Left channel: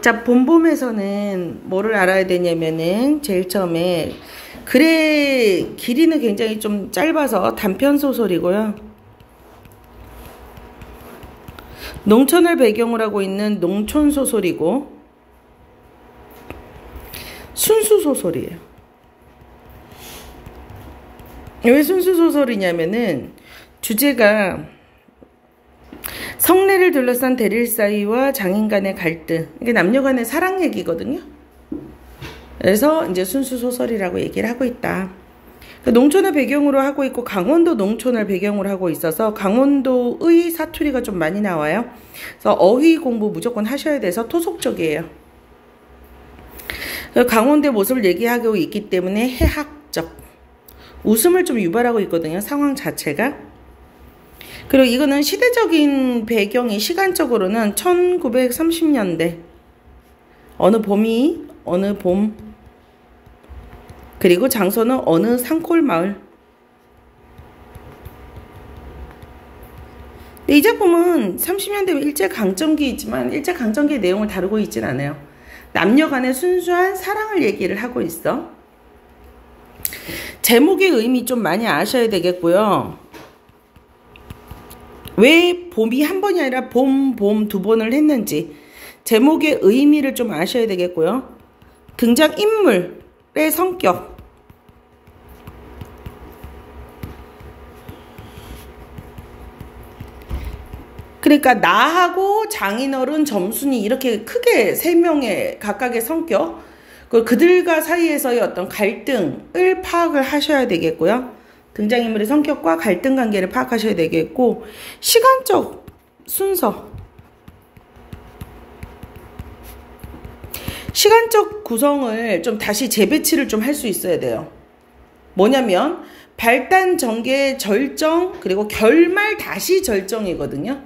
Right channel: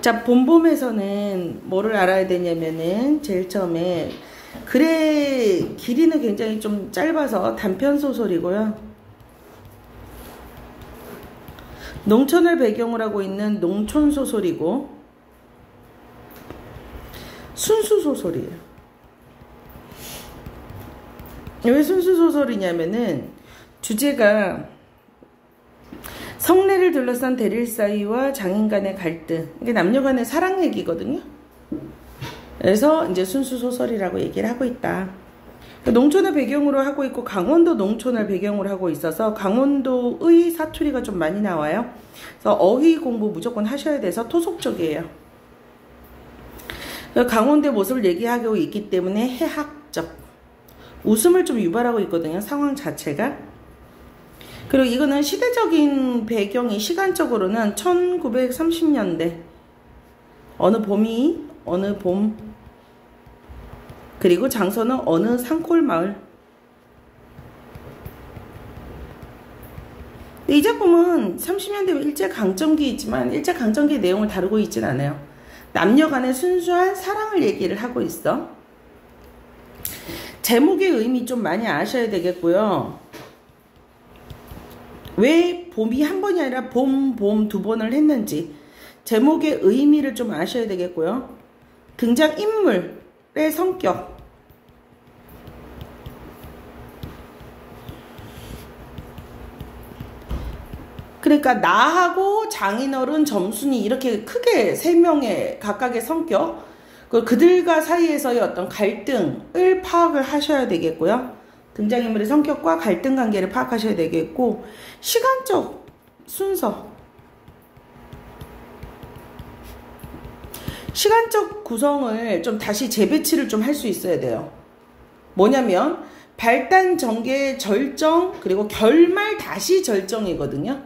자, 봄봄에서는 뭐를 알아야 되냐면은 제일 처음에 글의 길이는 굉장히 좀 짧아서 단편 소설이고요. 농촌을 배경으로 하고 있는 농촌 소설이고 순수 소설이에요. 왜 순수 소설이냐면은 주제가 성례를 둘러싼 대릴 사이와 장인 간의 갈등, 이게 남녀 간의 사랑 얘기거든요. 그래서 이제 순수 소설이라고 얘기를 하고 있다. 농촌을 배경으로 하고 있고 강원도 농촌을 배경으로 하고 있어서 강원도의 사투리가 좀 많이 나와요. 그래서 어휘 공부 무조건 하셔야 돼서 토속적이에요. 강원도의 모습을 얘기하고 있기 때문에 해학적, 웃음을 좀 유발하고 있거든요. 상황 자체가. 그리고 이거는 시대적인 배경이 시간적으로는 1930년대 어느 봄이 어느 봄, 그리고 장소는 어느 산골 마을. 이 작품은 30년대 일제강점기이지만 일제강점기의 내용을 다루고 있진 않아요. 남녀 간의 순수한 사랑을 얘기를 하고 있어. 제목의 의미 좀 많이 아셔야 되겠고요. 왜 봄이 한 번이 아니라 봄 두 번을 했는지 제목의 의미를 좀 아셔야 되겠고요. 등장인물의 성격, 그러니까 나하고 장인어른, 점순이 이렇게 크게 세 명의 각각의 성격, 그들과 사이에서의 어떤 갈등을 파악을 하셔야 되겠고요. 등장인물의 성격과 갈등 관계를 파악하셔야 되겠고, 시간적 순서, 시간적 구성을 좀 다시 재배치를 좀 할 수 있어야 돼요. 뭐냐면 발단, 전개, 절정, 그리고 결말, 다시 절정이거든요.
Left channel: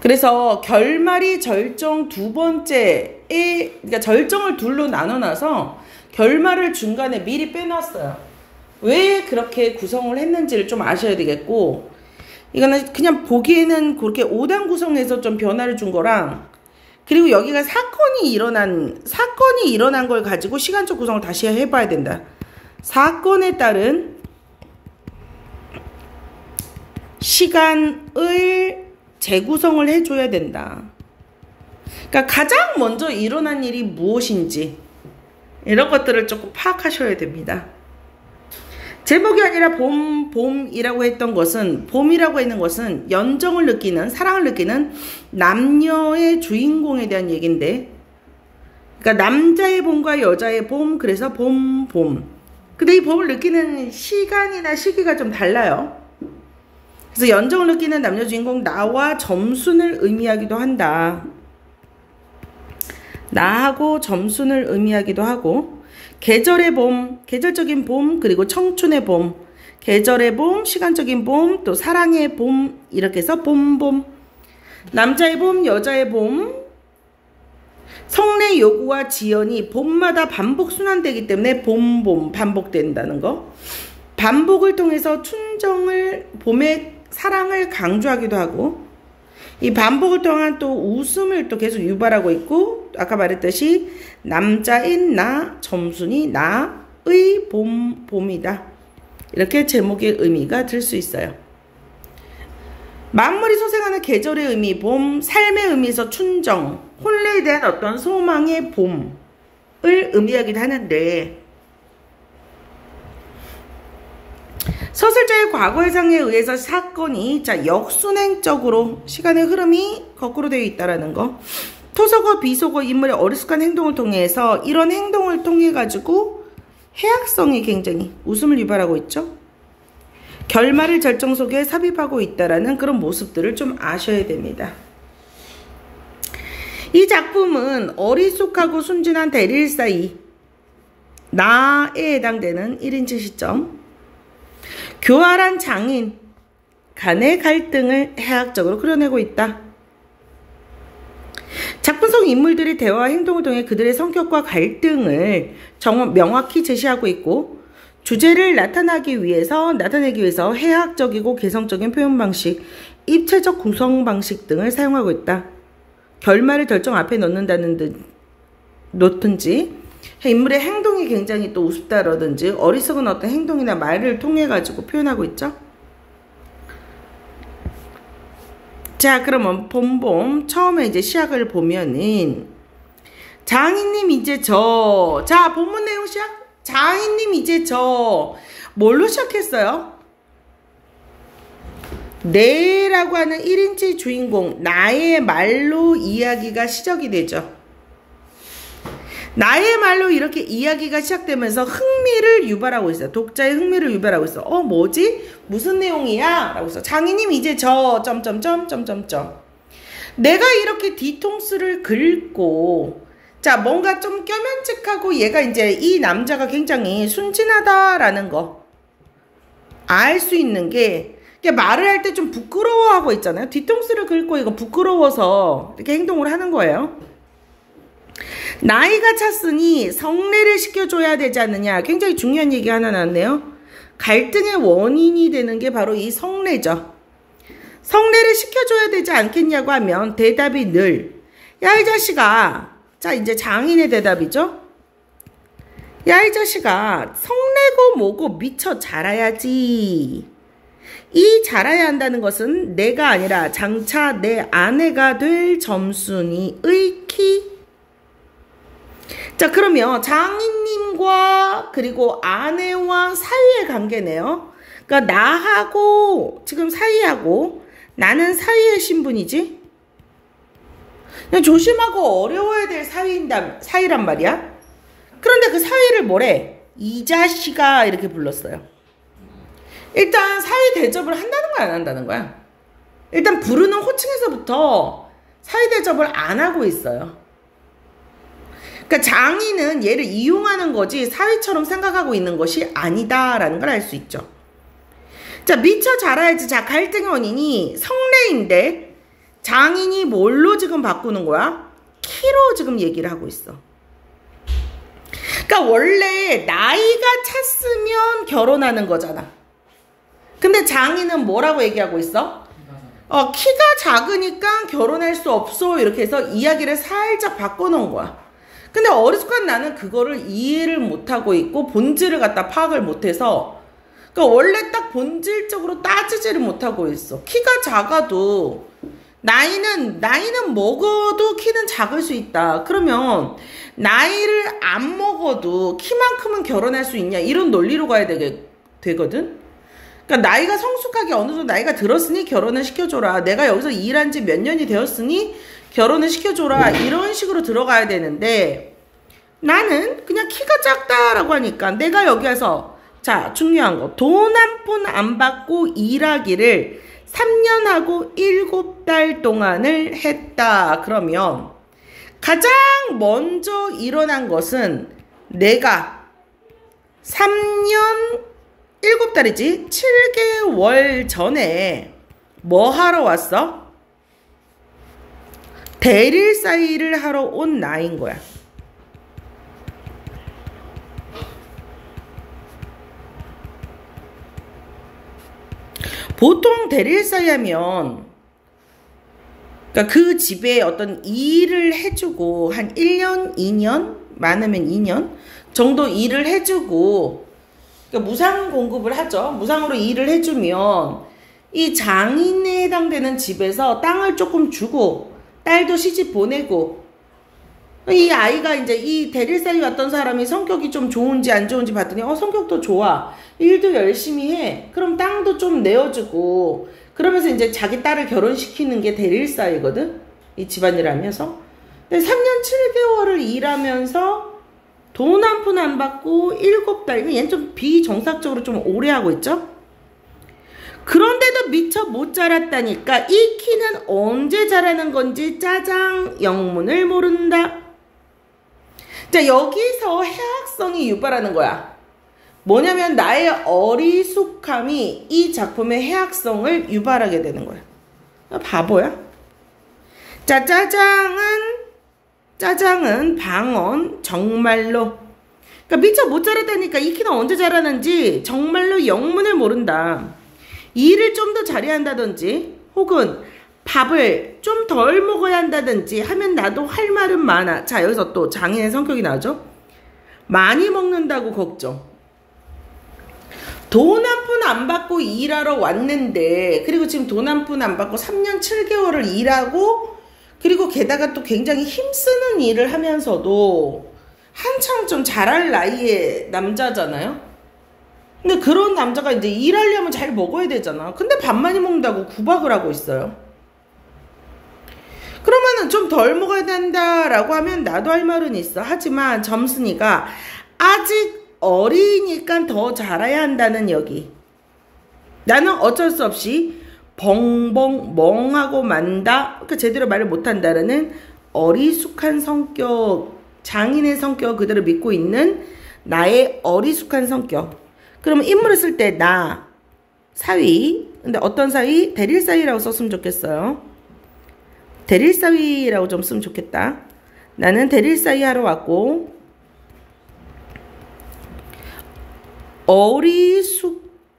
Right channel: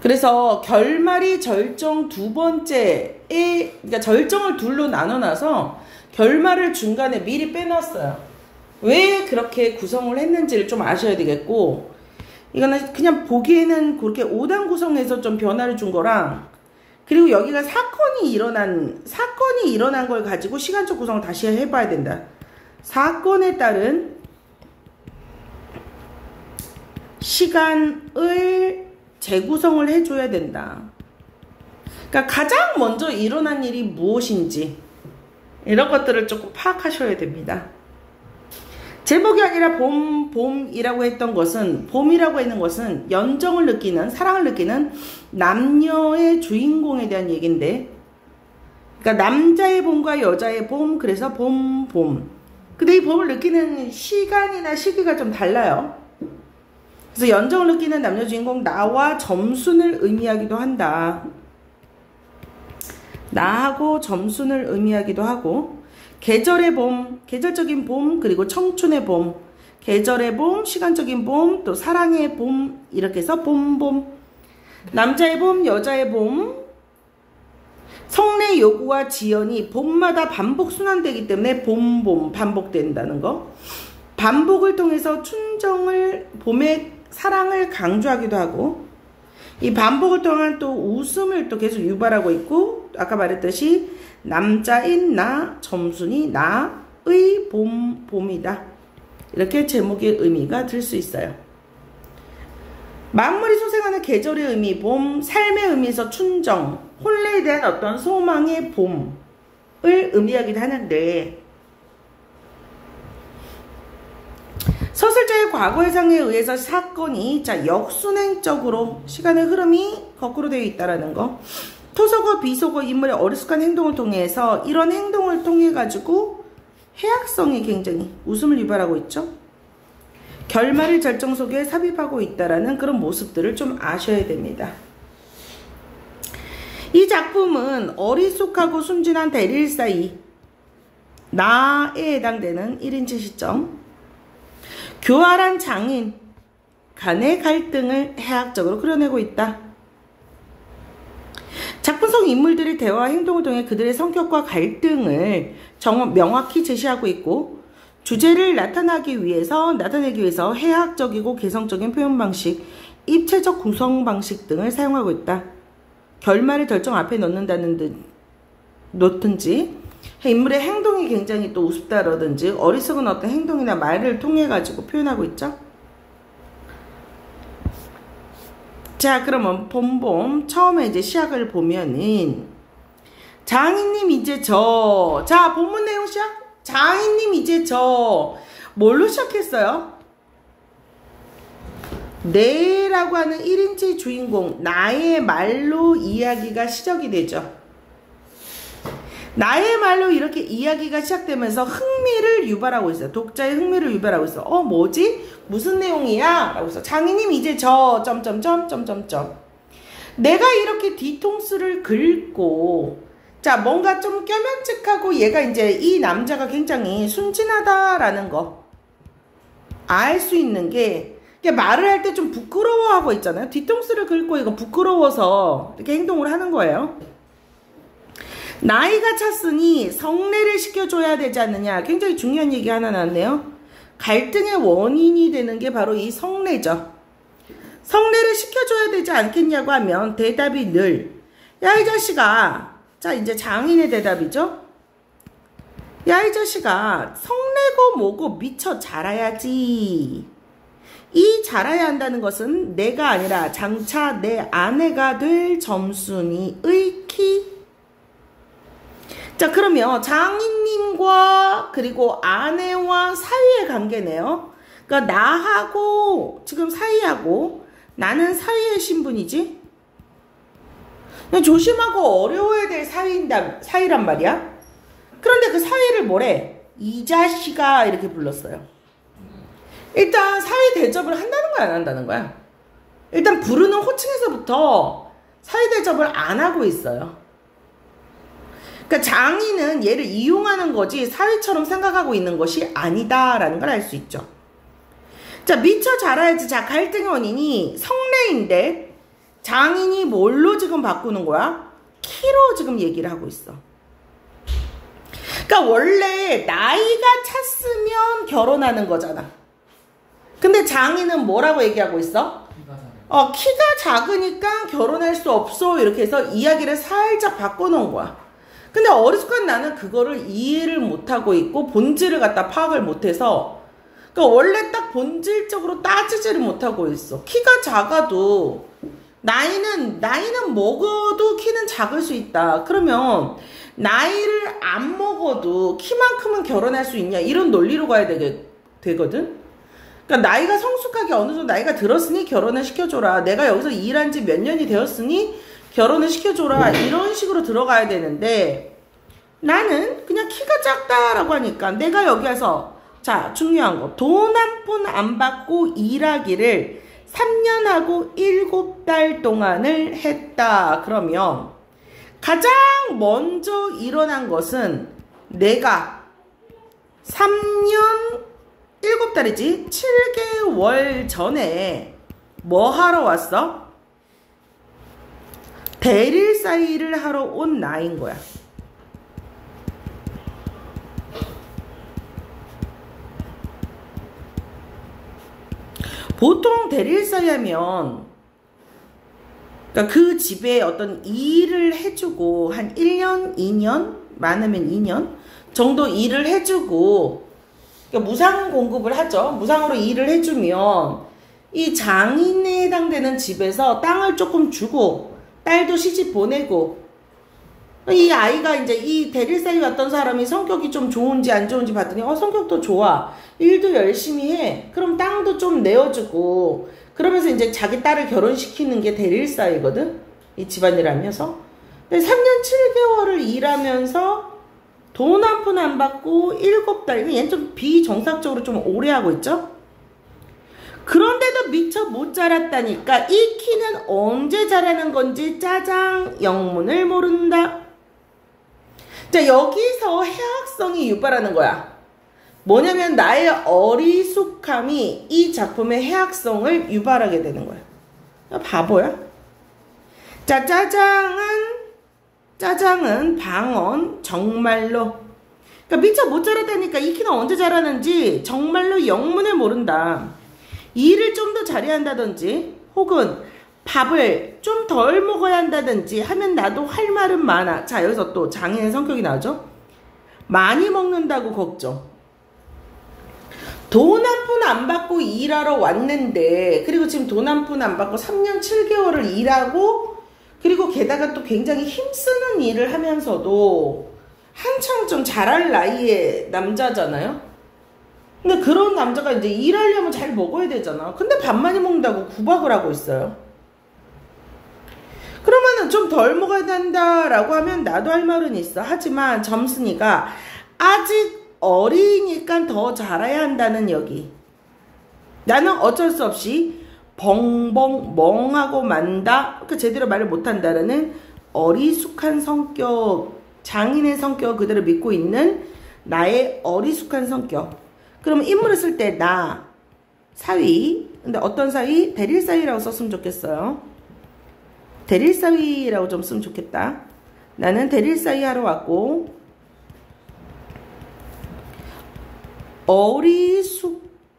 그래서 결말이 절정 두 번째에, 그러니까 절정을 둘로 나눠놔서 결말을 중간에 미리 빼놨어요. 왜 그렇게 구성을 했는지를 좀 아셔야 되겠고, 이거는 그냥 보기에는 그렇게 5단 구성해서 좀 변화를 준 거랑, 그리고 여기가 사건이 일어난 걸 가지고 시간적 구성을 다시 해봐야 된다. 사건에 따른 시간을 재구성을 해줘야 된다. 그러니까 가장 먼저 일어난 일이 무엇인지 이런 것들을 조금 파악하셔야 됩니다. 제목이 아니라 봄이라고 했던 것은, 봄이라고 했는 것은 연정을 느끼는, 사랑을 느끼는 남녀의 주인공에 대한 얘기인데, 그러니까 남자의 봄과 여자의 봄, 그래서 봄. 근데 이 봄을 느끼는 시간이나 시기가 좀 달라요. 그래서 연정을 느끼는 남녀 주인공 나와 점순을 의미하기도 한다. 나하고 점순을 의미하기도 하고, 계절의 봄, 계절적인 봄, 그리고 청춘의 봄, 계절의 봄, 시간적인 봄, 또 사랑의 봄, 이렇게 해서 봄. 남자의 봄, 여자의 봄, 성례 요구와 지연이 봄마다 반복 순환되기 때문에 봄 반복된다는 거. 반복을 통해서 춘정을, 봄의 사랑을 강조하기도 하고, 이 반복을 통한 또 웃음을 또 계속 유발하고 있고, 아까 말했듯이 남자인 나, 점순이 나의 봄이다. 이렇게 제목의 의미가 들 수 있어요. 만물이 소생하는 계절의 의미, 봄, 삶의 의미에서 춘정, 혼례에 대한 어떤 소망의 봄을 의미하기도 하는데, 서술자의 과거의상에 의해서 사건이 역순행적으로 시간의 흐름이 거꾸로 되어 있다는 거. 토속어, 비속어, 인물의 어리숙한 행동을 통해서 이런 행동을 통해 가지고 해학성이 굉장히 웃음을 유발하고 있죠. 결말의 절정 속에 삽입하고 있다라는 그런 모습들을 좀 아셔야 됩니다. 이 작품은 어리숙하고 순진한 대릴 사이, 나에 해당되는 1인칭 시점, 교활한 장인 간의 갈등을 해학적으로 그려내고 있다. 작품 속 인물들이 대화와 행동을 통해 그들의 성격과 갈등을 명확히 제시하고 있고, 주제를 나타내기 위해서 해학적이고 개성적인 표현 방식, 입체적 구성 방식 등을 사용하고 있다. 결말을 결정 앞에 놓든지 인물의 행동이 굉장히 또 우습다라든지 어리석은 어떤 행동이나 말을 통해 가지고 표현하고 있죠. 자, 그러면 봄봄 처음에 이제 시작을 보면은 장인님 이제 자, 본문 내용 시작. 장인님 이제 뭘로 시작했어요? 내라고 하는 1인칭 주인공 나의 말로 이야기가 시작이 되죠. 나의 말로 이렇게 이야기가 시작되면서 흥미를 유발하고 있어요. 독자의 흥미를 유발하고 있어. 뭐지? 무슨 내용이야? 라고 해서 장인님 이제 내가 이렇게 뒤통수를 긁고 자, 뭔가 좀 껴면책하고 얘가 이제 이 남자가 굉장히 순진하다라는 거 알 수 있는 게 말을 할 때 좀 부끄러워하고 있잖아요. 뒤통수를 긁고 이거 부끄러워서 이렇게 행동을 하는 거예요. 나이가 찼으니 성례를 시켜줘야 되지 않느냐. 굉장히 중요한 얘기 하나 나왔네요. 갈등의 원인이 되는 게 바로 이 성례죠. 성례를 시켜줘야 되지 않겠냐고 하면 대답이 늘 야, 이 자식아. 자, 이제 장인의 대답이죠. 야, 이 자식아. 성례고 뭐고 미처 자라야지. 이 자라야 한다는 것은 내가 아니라 장차 내 아내가 될 점순이의 키. 자, 그러면 장인님과 그리고 아내와 사이의 관계네요. 그러니까 나하고 지금 사이하고 나는 사이의 신분이지. 그냥 조심하고 어려워야 될 사이란 말이야. 그런데 그 사이를 뭐래? 이 자식아 이렇게 불렀어요. 일단 사이 대접을 한다는 거야, 안 한다는 거야? 일단 부르는 호칭에서부터 사이 대접을 안 하고 있어요. 그러니까 장인은 얘를 이용하는 거지 사위처럼 생각하고 있는 것이 아니다라는 걸 알 수 있죠. 자, 미처 자라야지. 자, 갈등의 원인이 성례인데 장인이 뭘로 지금 바꾸는 거야? 키로 지금 얘기를 하고 있어. 그러니까 원래 나이가 찼으면 결혼하는 거잖아. 근데 장인은 뭐라고 얘기하고 있어? 키가 작으니까 결혼할 수 없어. 이렇게 해서 이야기를 살짝 바꿔놓은 거야. 근데 어리숙한 나는 그거를 이해를 못하고 있고 본질을 갖다 파악을 못해서 그러니까 원래 딱 본질적으로 따지지를 못하고 있어. 키가 작아도 나이는 먹어도 키는 작을 수 있다. 그러면 나이를 안 먹어도 키만큼은 결혼할 수 있냐 이런 논리로 가야 되거든. 그러니까 나이가 성숙하게 어느 정도 나이가 들었으니 결혼을 시켜줘라. 내가 여기서 일한 지 몇 년이 되었으니 결혼을 시켜줘라. 이런 식으로 들어가야 되는데 나는 그냥 키가 작다라고 하니까 내가 여기 와서 자, 중요한 거 돈 한 푼 안 받고 일하기를 3년하고 7달 동안을 했다. 그러면 가장 먼저 일어난 것은 내가 3년 7달이지 7개월 전에 뭐 하러 왔어? 대릴사이를 하러 온 나인 거야. 보통 대릴사이 하면 그러니까 그 집에 어떤 일을 해주고 한 1년, 2년, 많으면 2년 정도 일을 해주고 그러니까 무상 공급을 하죠. 무상으로 일을 해주면 이 장인에 해당되는 집에서 땅을 조금 주고 딸도 시집 보내고 이 아이가 이제 이 대릴사이 왔던 사람이 성격이 좀 좋은지 안 좋은지 봤더니 성격도 좋아. 일도 열심히 해. 그럼 땅도 좀 내어주고 그러면서 이제 자기 딸을 결혼시키는 게 대릴사이거든. 이 집안일 하면서 3년 7개월을 일하면서 돈 한 푼 안 받고 7달. 얘는 좀 비정상적으로 좀 오래 하고 있죠. 그런데도 미처 못 자랐다니까 이 키는 언제 자라는 건지 짜장 영문을 모른다. 자, 여기서 해학성이 유발하는 거야. 뭐냐면 나의 어리숙함이 이 작품의 해학성을 유발하게 되는 거야. 바보야? 자, 짜장은 방언 정말로 그러니까 미처 못 자랐다니까 이 키는 언제 자라는지 정말로 영문을 모른다. 일을 좀 더 잘해야 한다든지 혹은 밥을 좀 덜 먹어야 한다든지 하면 나도 할 말은 많아. 자, 여기서 또 장인의 성격이 나죠. 많이 먹는다고 걱정. 돈 한 푼 안 받고 일하러 왔는데, 그리고 지금 돈 한 푼 안 받고 3년 7개월을 일하고, 그리고 게다가 또 굉장히 힘쓰는 일을 하면서도 한창 좀 잘할 나이의 남자잖아요. 근데 그런 남자가 이제 일하려면 잘 먹어야 되잖아. 근데 밥 많이 먹는다고 구박을 하고 있어요. 그러면은 좀 덜 먹어야 된다라고 하면 나도 할 말은 있어. 하지만 점순이가 아직 어리니까 더 잘해야 한다는 여기. 나는 어쩔 수 없이 벙벙 멍하고 만다. 그러니까 제대로 말을 못한다라는 어리숙한 성격, 장인의 성격 그대로 믿고 있는 나의 어리숙한 성격. 그러면 인물을 쓸 때 나, 사위. 근데 어떤 사위? 대릴사위라고 썼으면 좋겠어요. 대릴사위라고 좀 쓰면 좋겠다. 나는 대릴사위 하러 왔고,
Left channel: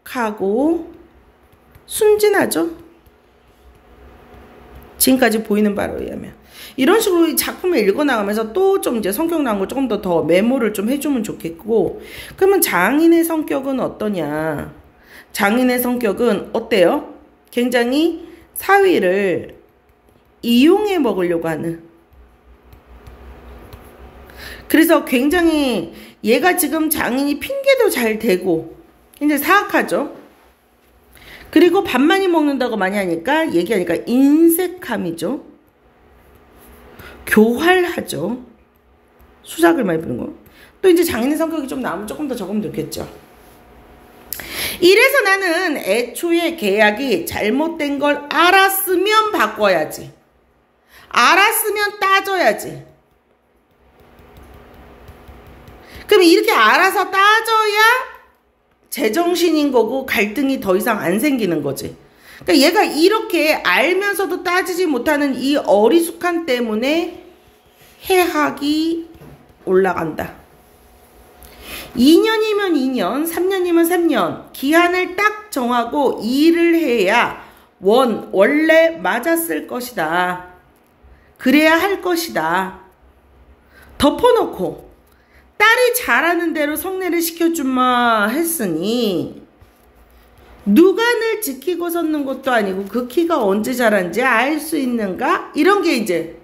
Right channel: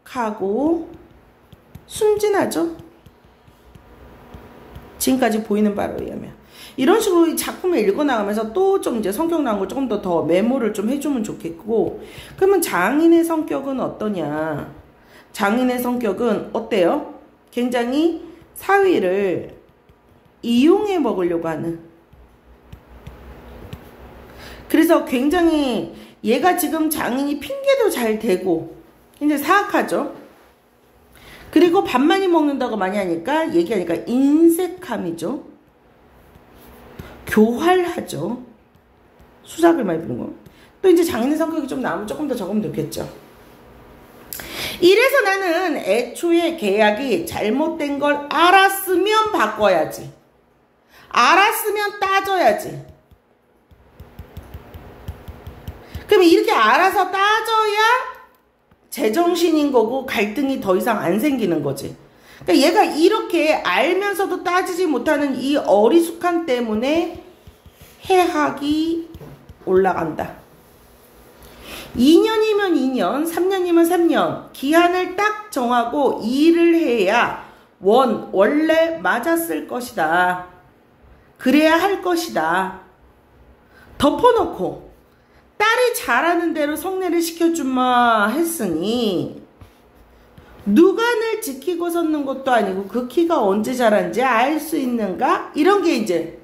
어리숙하고 순진하죠. 지금까지 보이는 바로 의하면. 이런 식으로 이 작품을 읽어나가면서 또 좀 이제 성격 나온 걸 조금 더 메모를 좀 해주면 좋겠고, 그러면 장인의 성격은 어떠냐? 장인의 성격은 어때요? 굉장히 사위를 이용해 먹으려고 하는. 그래서 굉장히 얘가 지금 장인이 핑계도 잘 대고 굉장히 사악하죠. 그리고 밥 많이 먹는다고 많이 하니까 얘기하니까 인색함이죠. 교활하죠. 수작을 많이 부는 거. 또 이제 장인의 성격이 좀 나오면 조금 더 적으면 좋겠죠. 이래서 나는 애초에 계약이 잘못된 걸 알았으면 바꿔야지. 알았으면 따져야지. 그럼 이렇게 알아서 따져야 제정신인 거고 갈등이 더 이상 안 생기는 거지. 그러니까 얘가 이렇게 알면서도 따지지 못하는 이 어리숙함 때문에 해학이 올라간다. 2년이면 2년, 3년이면 3년 기한을 딱 정하고 일을 해야 원래 맞았을 것이다. 그래야 할 것이다. 덮어놓고 딸이 잘하는 대로 성례를 시켜주마 했으니 누가 늘 지키고 섰는 것도 아니고 그 키가 언제 자란지 알 수 있는가? 이런 게 이제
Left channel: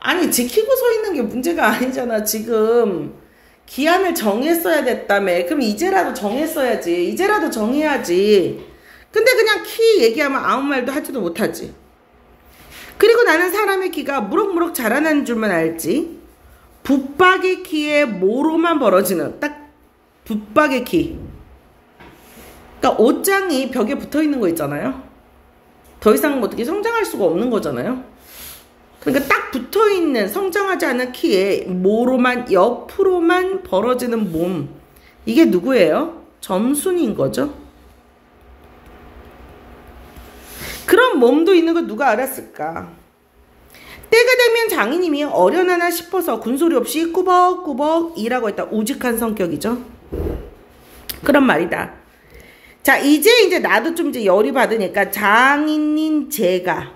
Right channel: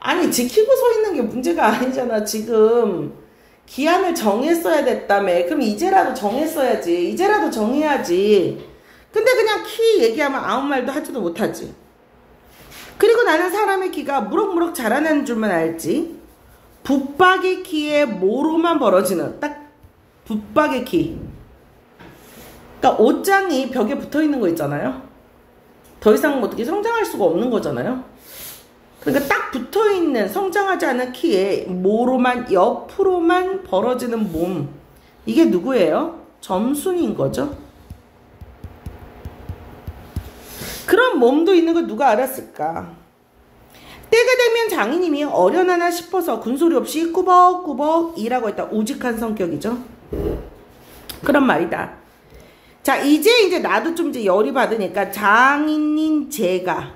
아니 지키고 서 있는 게 문제가 아니잖아. 지금 기한을 정했어야 됐다며. 그럼 이제라도 정했어야지. 이제라도 정해야지. 근데 그냥 키 얘기하면 아무 말도 하지도 못하지. 그리고 나는 사람의 키가 무럭무럭 자라나는 줄만 알지. 북박의 키에 모로만 벌어지는 딱 북박의 키. 그러니까 옷장이 벽에 붙어있는 거 있잖아요. 더 이상 어떻게 성장할 수가 없는 거잖아요. 그러니까 딱 붙어있는 성장하지 않은 키에 모로만 옆으로만 벌어지는 몸. 이게 누구예요? 점순인 거죠. 그런 몸도 있는 거 누가 알았을까? 때가 되면 장인님이 어련하나 싶어서 군소리 없이 꾸벅꾸벅 일하고 있다. 우직한 성격이죠. 그런 말이다. 자, 이제 나도 좀 이제 열이 받으니까 장인님 제가.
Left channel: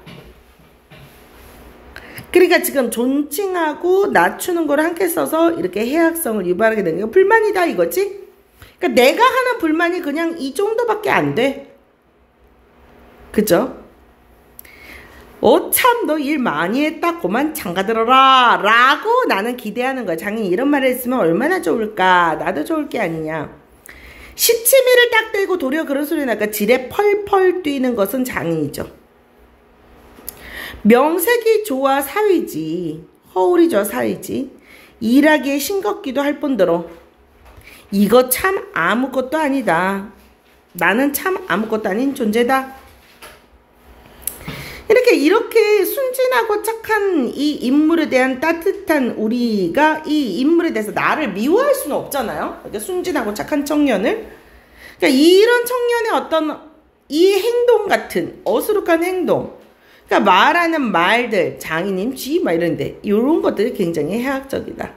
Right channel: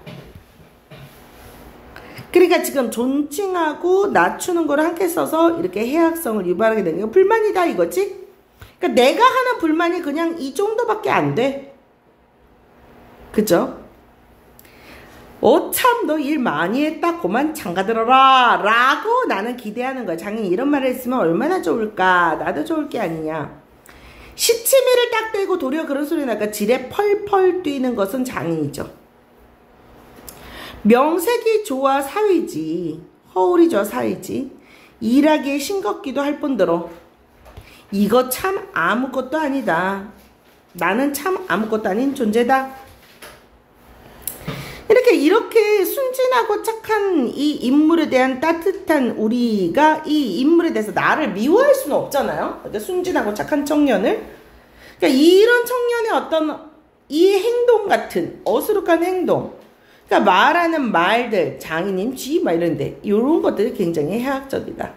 그러니까 지금 존칭하고 낮추는 걸 함께 써서 이렇게 해악성을 유발하게 되는 게 불만이다 이거지? 그러니까 내가 하는 불만이 그냥 이 정도밖에 안 돼. 그죠? 참 너 일 많이 했다 고만 장가들어라 라고 나는 기대하는 거야. 장인이 이런 말을 했으면 얼마나 좋을까. 나도 좋을 게 아니냐. 시치미를 딱 대고 도리어 그런 소리 나니까 지레 펄펄 뛰는 것은 장인이죠. 명색이 좋아 사위지. 허울이 좋아 사위지. 일하기에 싱겁기도 할 뿐더러 이거 참 아무것도 아니다. 나는 참 아무것도 아닌 존재다. 이렇게 순진하고 착한 이 인물에 대한 따뜻한 우리가 이 인물에 대해서 나를 미워할 수는 없잖아요. 순진하고 착한 청년을. 그러니까 이런 청년의 어떤 이 행동 같은 어수룩한 행동. 그러니까 말하는 말들, 장인님, 쥐, 막 이런데 이런 것들이 굉장히 해학적이다.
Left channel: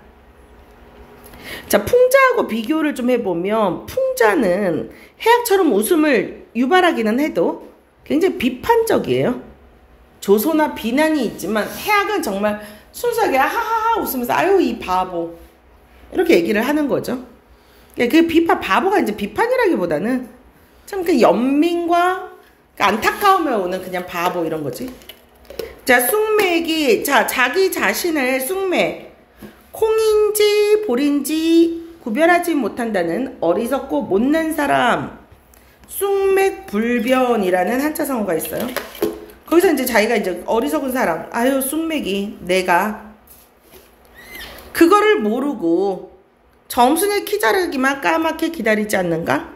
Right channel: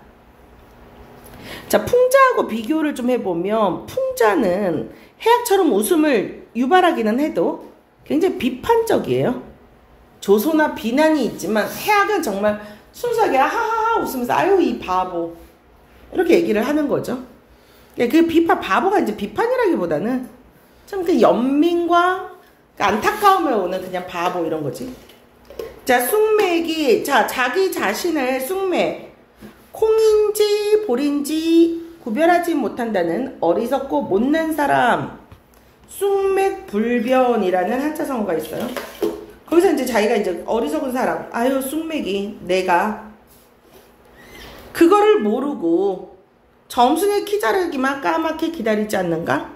자, 풍자하고 비교를 좀 해보면 풍자는 해학처럼 웃음을 유발하기는 해도 굉장히 비판적이에요. 조소나 비난이 있지만 해학은 정말 순수하게 하하하 웃으면서 아유 이 바보 이렇게 얘기를 하는 거죠. 그 비판, 바보가 이제 비판이라기보다는 참 그 연민과 그 안타까움에 오는 그냥 바보 이런 거지. 자, 쑥맥이, 자, 자기 자신을 쑥맥, 콩인지 볼인지 구별하지 못한다는 어리석고 못난 사람, 쑥맥불변이라는 한자성어가 있어요. 거기서 이제 자기가 이제 어리석은 사람, 아유, 쑥맥이, 내가, 그거를 모르고 점순의 키 자르기만 까맣게 기다리지 않는가?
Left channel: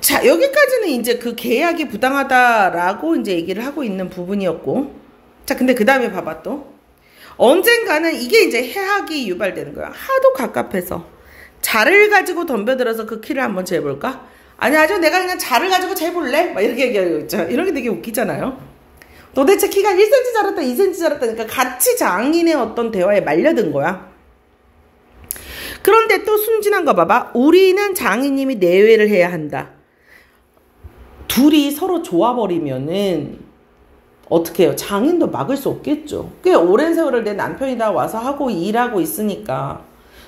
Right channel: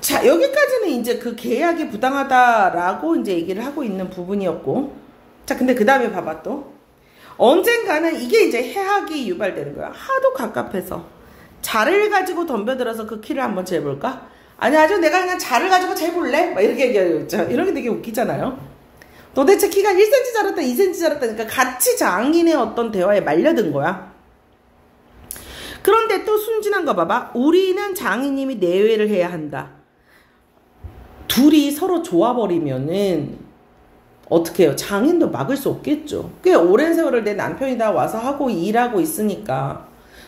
자, 여기까지는 이제 그 계약이 부당하다라고 이제 얘기를 하고 있는 부분이었고. 자, 근데 그 다음에 봐봐 또. 언젠가는 이게 이제 해학이 유발되는 거야. 하도 갑갑해서. 자를 가지고 덤벼들어서 그 키를 한번 재볼까? 아니, 아주 내가 그냥 자를 가지고 재볼래? 막 이렇게 얘기하죠. 이런 게 되게 웃기잖아요. 도대체 키가 1cm 자랐다, 2cm 자랐다니까 같이 장인의 어떤 대화에 말려든 거야. 그런데 또 순진한 거 봐봐. 우리는 장인님이 내외를 해야 한다. 둘이 서로 좋아버리면은 어떻게 해요? 장인도 막을 수 없겠죠. 꽤 오랜 세월을 내 남편이 다 와서 하고 일하고 있으니까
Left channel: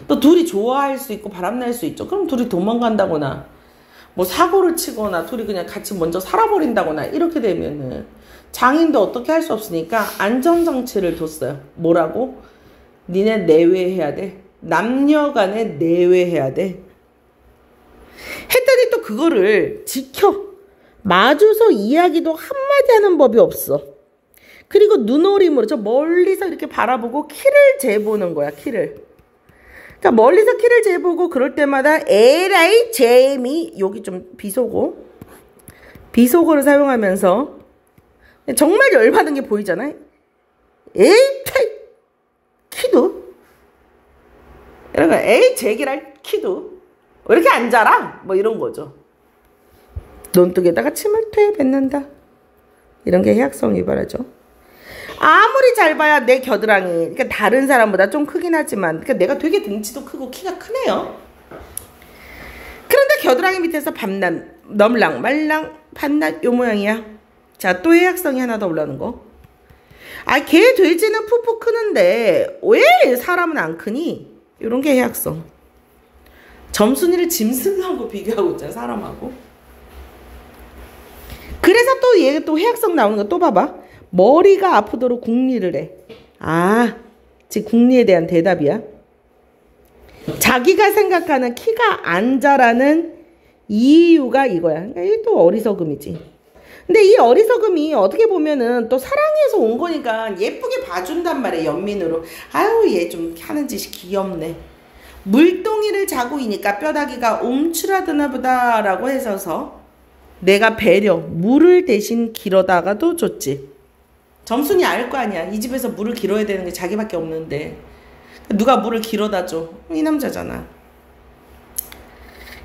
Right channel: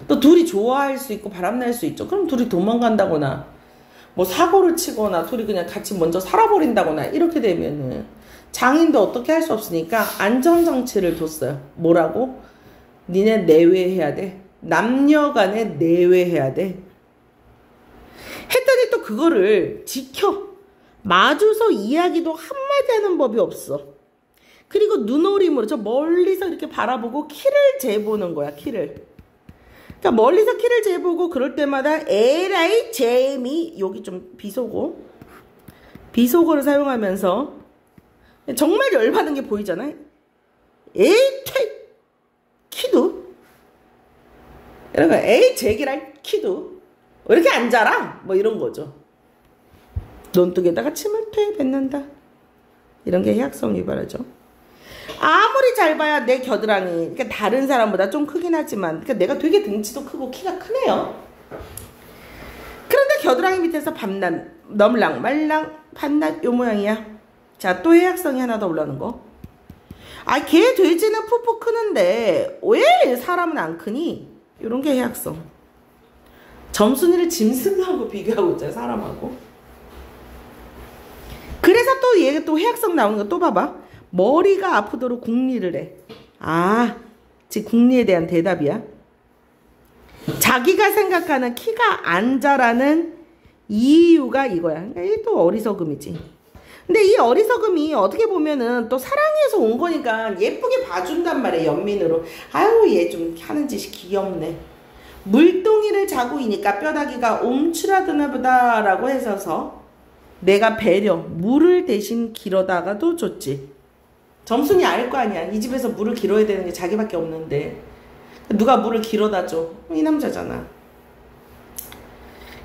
또 둘이 좋아할 수 있고 바람날 수 있죠. 그럼 둘이 도망간다거나 뭐 사고를 치거나 둘이 그냥 같이 먼저 살아버린다거나 이렇게 되면은 장인도 어떻게 할 수 없으니까 안전장치를 뒀어요. 뭐라고? 니네 내외해야 돼. 남녀간에 내외해야 돼. 했더니 또 그거를 지켜. 마주서 이야기도 한마디 하는 법이 없어. 그리고 눈오림으로 저 멀리서 이렇게 바라보고 키를 재보는 거야. 키를. 그러니까 멀리서 키를 재보고 그럴 때마다 에라이 재미 여기 좀 비속어를 사용하면서 정말 열받은 게 보이잖아요. 에이 키도 이런 거 에이 제기랄 키도 왜 이렇게 안 자라? 뭐 이런 거죠. 논뚝에다가 침을 뱉는다. 이런 게 해학성 유발하죠. 아무리 잘 봐야 내 겨드랑이, 그러니까 다른 사람보다 좀 크긴 하지만, 그러니까 내가 되게 등치도 크고 키가 크네요. 그런데 겨드랑이 밑에서 밤낮, 넘랑, 말랑, 밤낮 요 모양이야. 자, 또 해학성이 하나 더 올라오는 거. 아, 개, 돼지는 푹푹 크는데 왜 사람은 안 크니? 이런 게 해학성. 점순이를 짐승하고 비교하고 있잖아요, 사람하고. 그래서 또 얘가 또 해학성 나오는 거 또 봐봐. 머리가 아프도록 궁리를 해. 아, 지금 궁리에 대한 대답이야. 자기가 생각하는 키가 안 자라는 이유가 이거야. 이게 또 어리석음이지. 근데 이 어리석음이 어떻게 보면은 또 사랑해서 온 거니까 예쁘게 봐준단 말이야, 연민으로. 아유, 얘 좀 하는 짓이 귀엽네. 물동이를 자고 이니까 뼈다귀가 움츠러드나 보다라고 해서서 내가 배려, 물을 대신 길어다가도 줬지. 점순이 알 거 아니야. 이 집에서 물을 길어야 되는 게 자기밖에 없는데 누가 물을 길어다 줘? 이 남자잖아.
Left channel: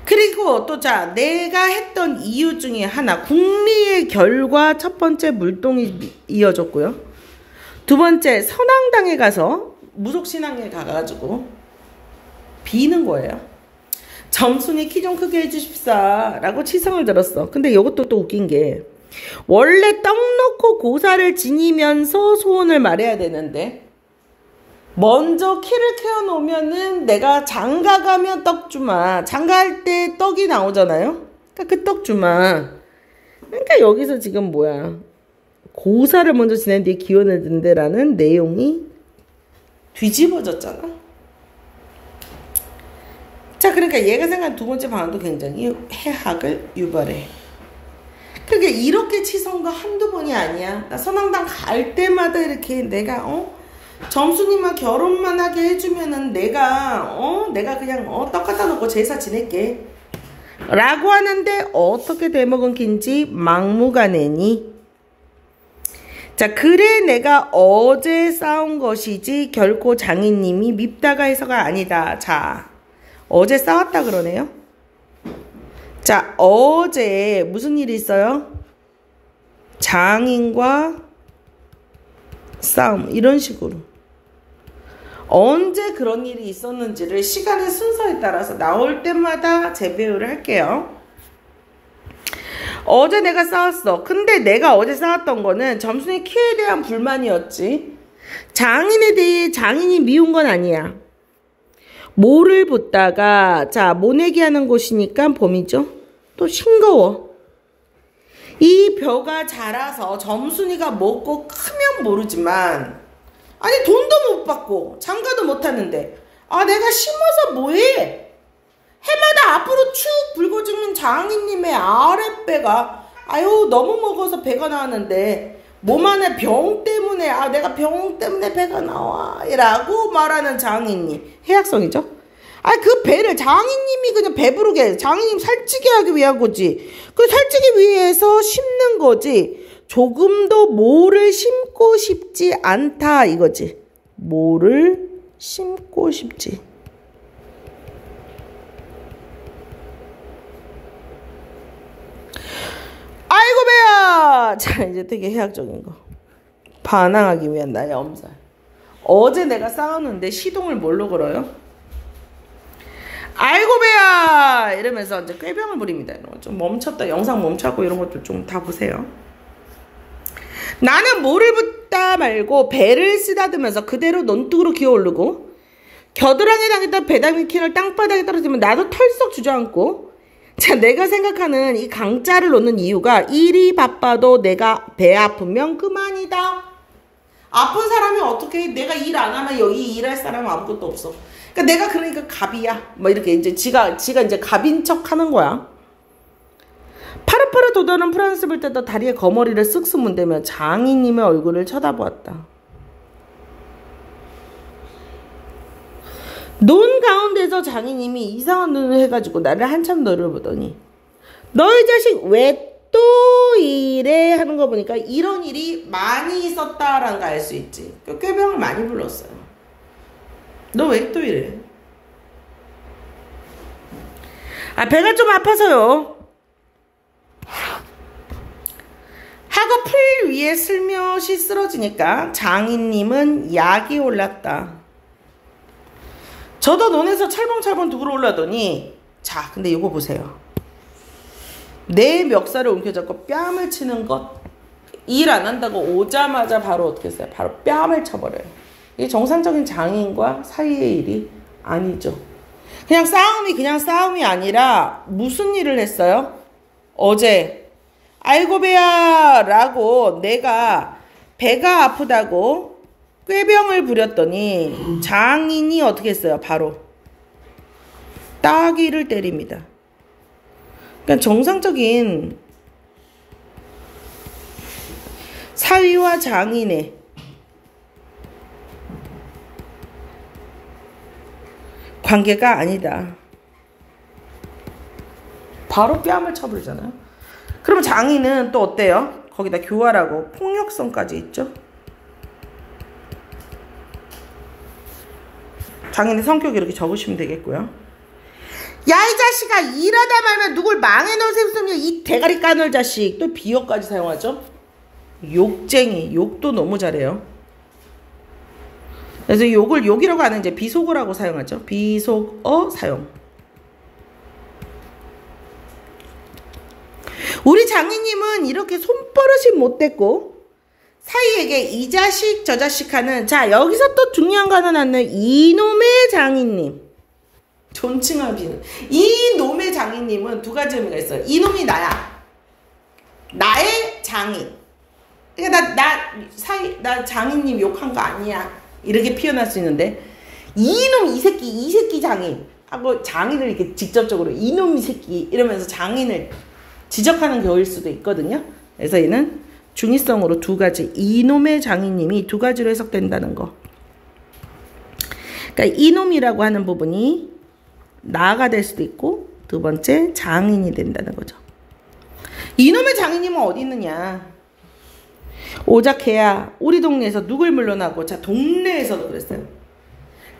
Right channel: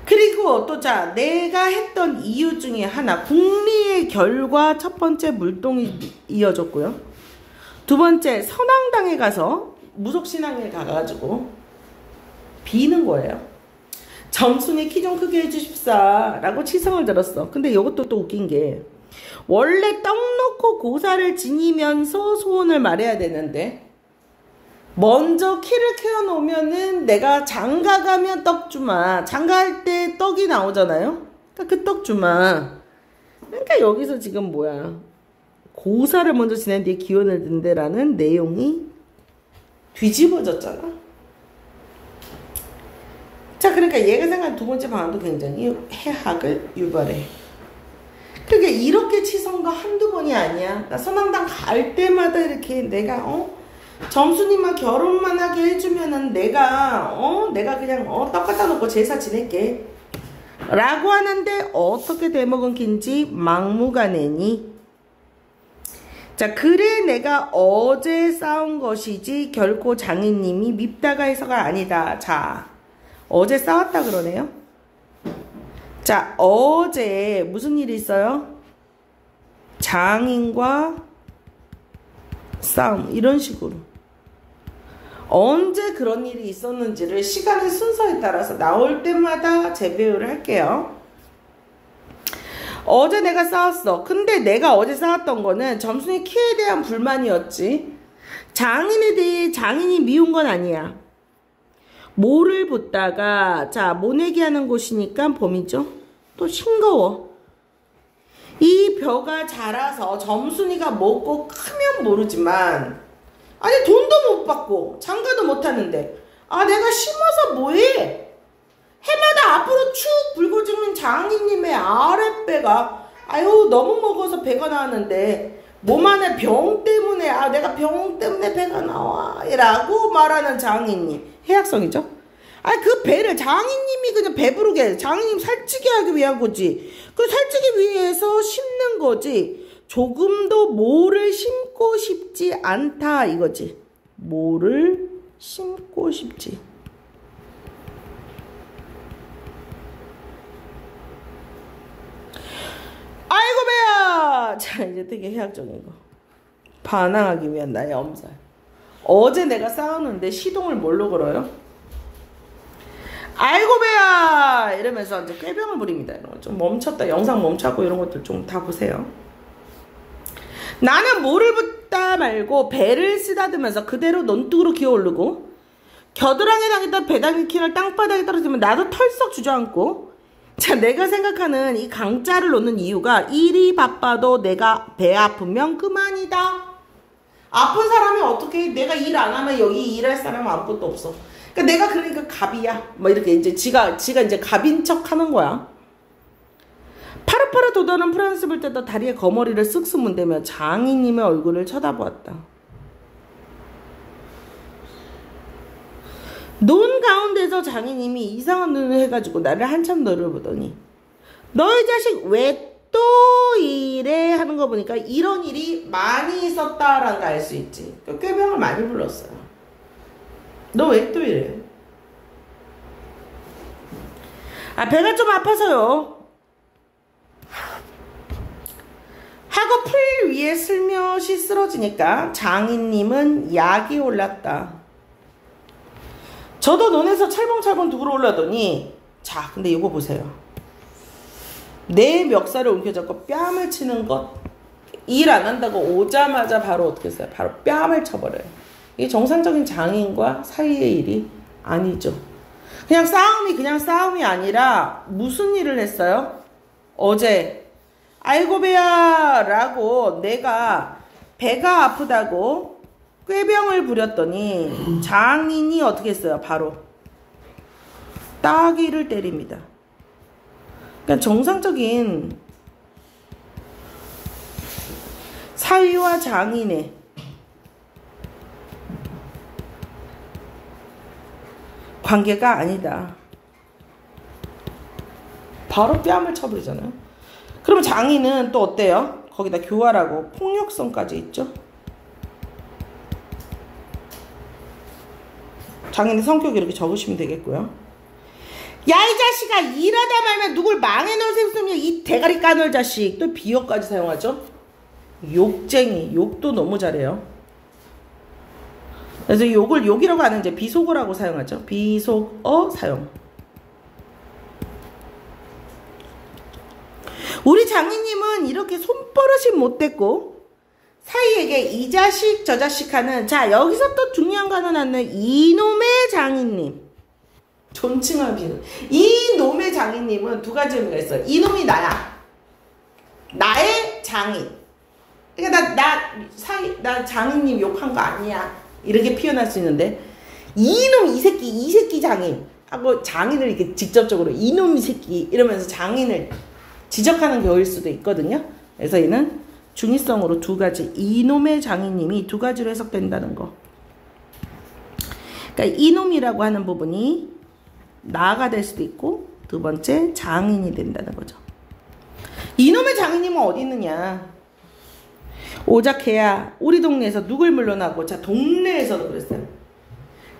그리고 또 자, 내가 했던 이유 중에 하나, 궁리의 결과 첫 번째 물동이 이어졌고요. 두 번째 선앙당에 가서 무속신앙에 가가지고 비는 거예요. 점순이 키 좀 크게 해주십사 라고 치성을 들었어. 근데 이것도 또 웃긴 게 원래 떡 놓고 고사를 지니면서 소원을 말해야 되는데 먼저 키를 키워놓으면은 내가 장가 가면 떡 주마. 장가할 때 떡이 나오잖아요. 그러니까 그 떡 주마. 그러니까 여기서 지금 뭐야. 고사를 먼저 지낸 뒤에 기원을 든대라는 내용이 뒤집어졌잖아. 자, 그러니까 얘가 생각한 두 번째 방안도 굉장히 해학을 유발해. 그러니까 이렇게 치성과 한두 번이 아니야. 나 선왕당 갈 때마다 이렇게 내가 점수님과 결혼만 하게 해주면은 내가 그냥 떡 갖다 놓고 제사 지낼게 라고 하는데 어떻게 되먹은 긴지 막무가내니. 자, 그래 내가 어제 싸운 것이지 결코 장인님이 밉다가 해서가 아니다. 자, 어제 싸웠다 그러네요. 자, 어제 무슨 일이 있어요? 장인과 싸움, 이런 식으로. 언제 그런 일이 있었는지를 시간의 순서에 따라서 나올 때마다 재배율을 할게요. 어제 내가 싸웠어. 근데 내가 어제 싸웠던 거는 점순이 키에 대한 불만이었지. 장인에 대해 장인이 미운 건 아니야. 모를 붙다가 자 모내기 하는 곳이니까 봄이죠. 또 싱거워. 이 벼가 자라서 점순이가 먹고 크면 모르지만 아니 돈도 못 받고 장가도 못 하는데 아 내가 심어서 뭐해? 해마다 앞으로 축 불고 죽는 장인님의 아랫배가 아유 너무 먹어서 배가 나왔는데 몸 안에 병 때문에 아 내가 병 때문에 배가 나와 라고 말하는 장인님. 해악성이죠. 아 그 배를 장인님이 그냥 배부르게 장인님 살찌게 하기 위한 거지. 그 살찌기 위해서 심는 거지. 조금도 모를 심고 싶지 않다 이거지. 모를 심고 싶지. 아이고 배야. 자 이제 되게 해학적인 거. 반항하기 위한 나의 엄살. 어제 내가 싸웠는데 시동을 뭘로 걸어요? 아이고 배야 이러면서 이제 꾀병을 부립니다. 좀 멈췄다 영상 멈췄고 이런 것들 좀 다 보세요. 나는 모를 붙다 말고 배를 쓰다듬으면서 그대로 논둑으로 기어오르고 겨드랑이에 당했던 배당미킨을 땅바닥에 떨어지면 나도 털썩 주저앉고 자 내가 생각하는 이 강자를 놓는 이유가 일이 바빠도 내가 배 아프면 그만이다. 아픈 사람이 어떻게 내가 일 안 하면 여기 일할 사람은 아무것도 없어. 그러니까 내가 그러니까 갑이야. 뭐 이렇게 이제 지가 이제 갑인 척 하는 거야. 파릇파릇 돋아오는 프랑스 불 때도 다리에 거머리를 쓱쓱 문대며 장인님의 얼굴을 쳐다보았다. 논 가운데서 장인님이 이상한 눈을 해가지고 나를 한참 노려보더니 너희 자식 왜 또 이래 하는 거 보니까 이런 일이 많이 있었다라는 거 알 수 있지. 꾀병을 많이 불렀어요. 너 왜 또 이래? 아 배가 좀 아파서요. 하고 풀 위에 슬며시 쓰러지니까 장인님은 약이 올랐다. 저도 논에서 철봉철봉 두고 올라더니 자 근데 이거 보세요. 내 멱살을 움켜잡고 뺨을 치는 것. 일 안 한다고 오자마자 바로 어떻게 했어요? 바로 뺨을 쳐버려요. 이게 정상적인 장인과 사이의 일이 아니죠. 그냥 싸움이 아니라 무슨 일을 했어요? 어제 아이고 배야 라고 내가 배가 아프다고 꾀병을 부렸더니 장인이 어떻게 했어요? 바로 따귀를 때립니다. 그러니까 정상적인 사위와 장인의 관계가 아니다. 바로 뺨을 쳐버리잖아요. 그러면 장인은 또 어때요? 거기다 교활하고 폭력성까지 있죠. 장인의 성격이 이렇게 적으시면 되겠고요. 야 이 자식아 일하다 말면 누굴 망해놓을 셈이냐 이 대가리 까놀 자식. 또 비어까지 사용하죠. 욕쟁이. 욕도 너무 잘해요. 그래서 욕을 욕이라고 하는 이제 비속어라고 사용하죠. 비속어 사용. 우리 장인님은 이렇게 손버릇이 못됐고 사이에게 이 자식 저 자식 하는 자 여기서 또 중요한 거 하나 나는 이놈의 장인님. 존칭하기는 이놈의 장인님은 두 가지 의미가 있어요. 이놈이 나야. 나의 장인. 그러니까 나 장인님 욕한 거 아니야. 이렇게 표현할 수 있는데 이놈 이 새끼 장인 하고 장인을 이렇게 직접적으로 이놈 이 새끼 이러면서 장인을 지적하는 경우일 수도 있거든요. 그래서 얘는 중의성으로 두 가지 이놈의 장인님이 두 가지로 해석된다는 거. 그러니까 이놈이라고 하는 부분이 나가 될 수도 있고 두 번째 장인이 된다는 거죠. 이놈의 장인님은 어디 있느냐. 오작해야 우리 동네에서 누굴 물러나고 자 동네에서도 그랬어요.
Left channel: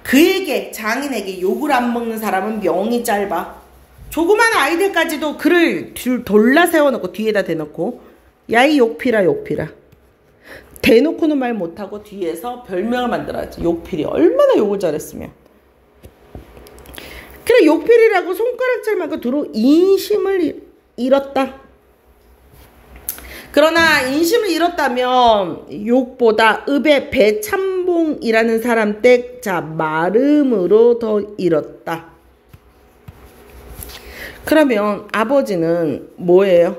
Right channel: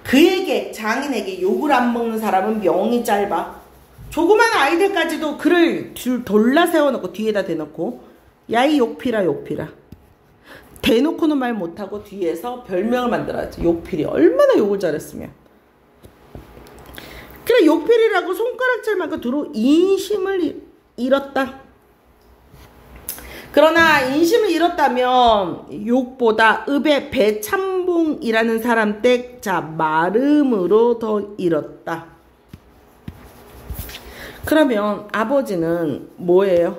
그에게 장인에게 욕을 안 먹는 사람은 명이 짧아. 조그만 아이들까지도 그를 돌라 세워놓고 뒤에다 대놓고 야 이 욕필아 욕필아 대놓고는 말 못하고 뒤에서 별명을 만들어야지. 욕필이 얼마나 욕을 잘했으면. 그래 욕필이라고 손가락질만큼 두루 인심을 잃었다. 그러나 인심을 잃었다면 욕보다 읍의 배참봉이라는 사람 댁, 자, 마름으로 더 잃었다. 그러면 아버지는 뭐예요?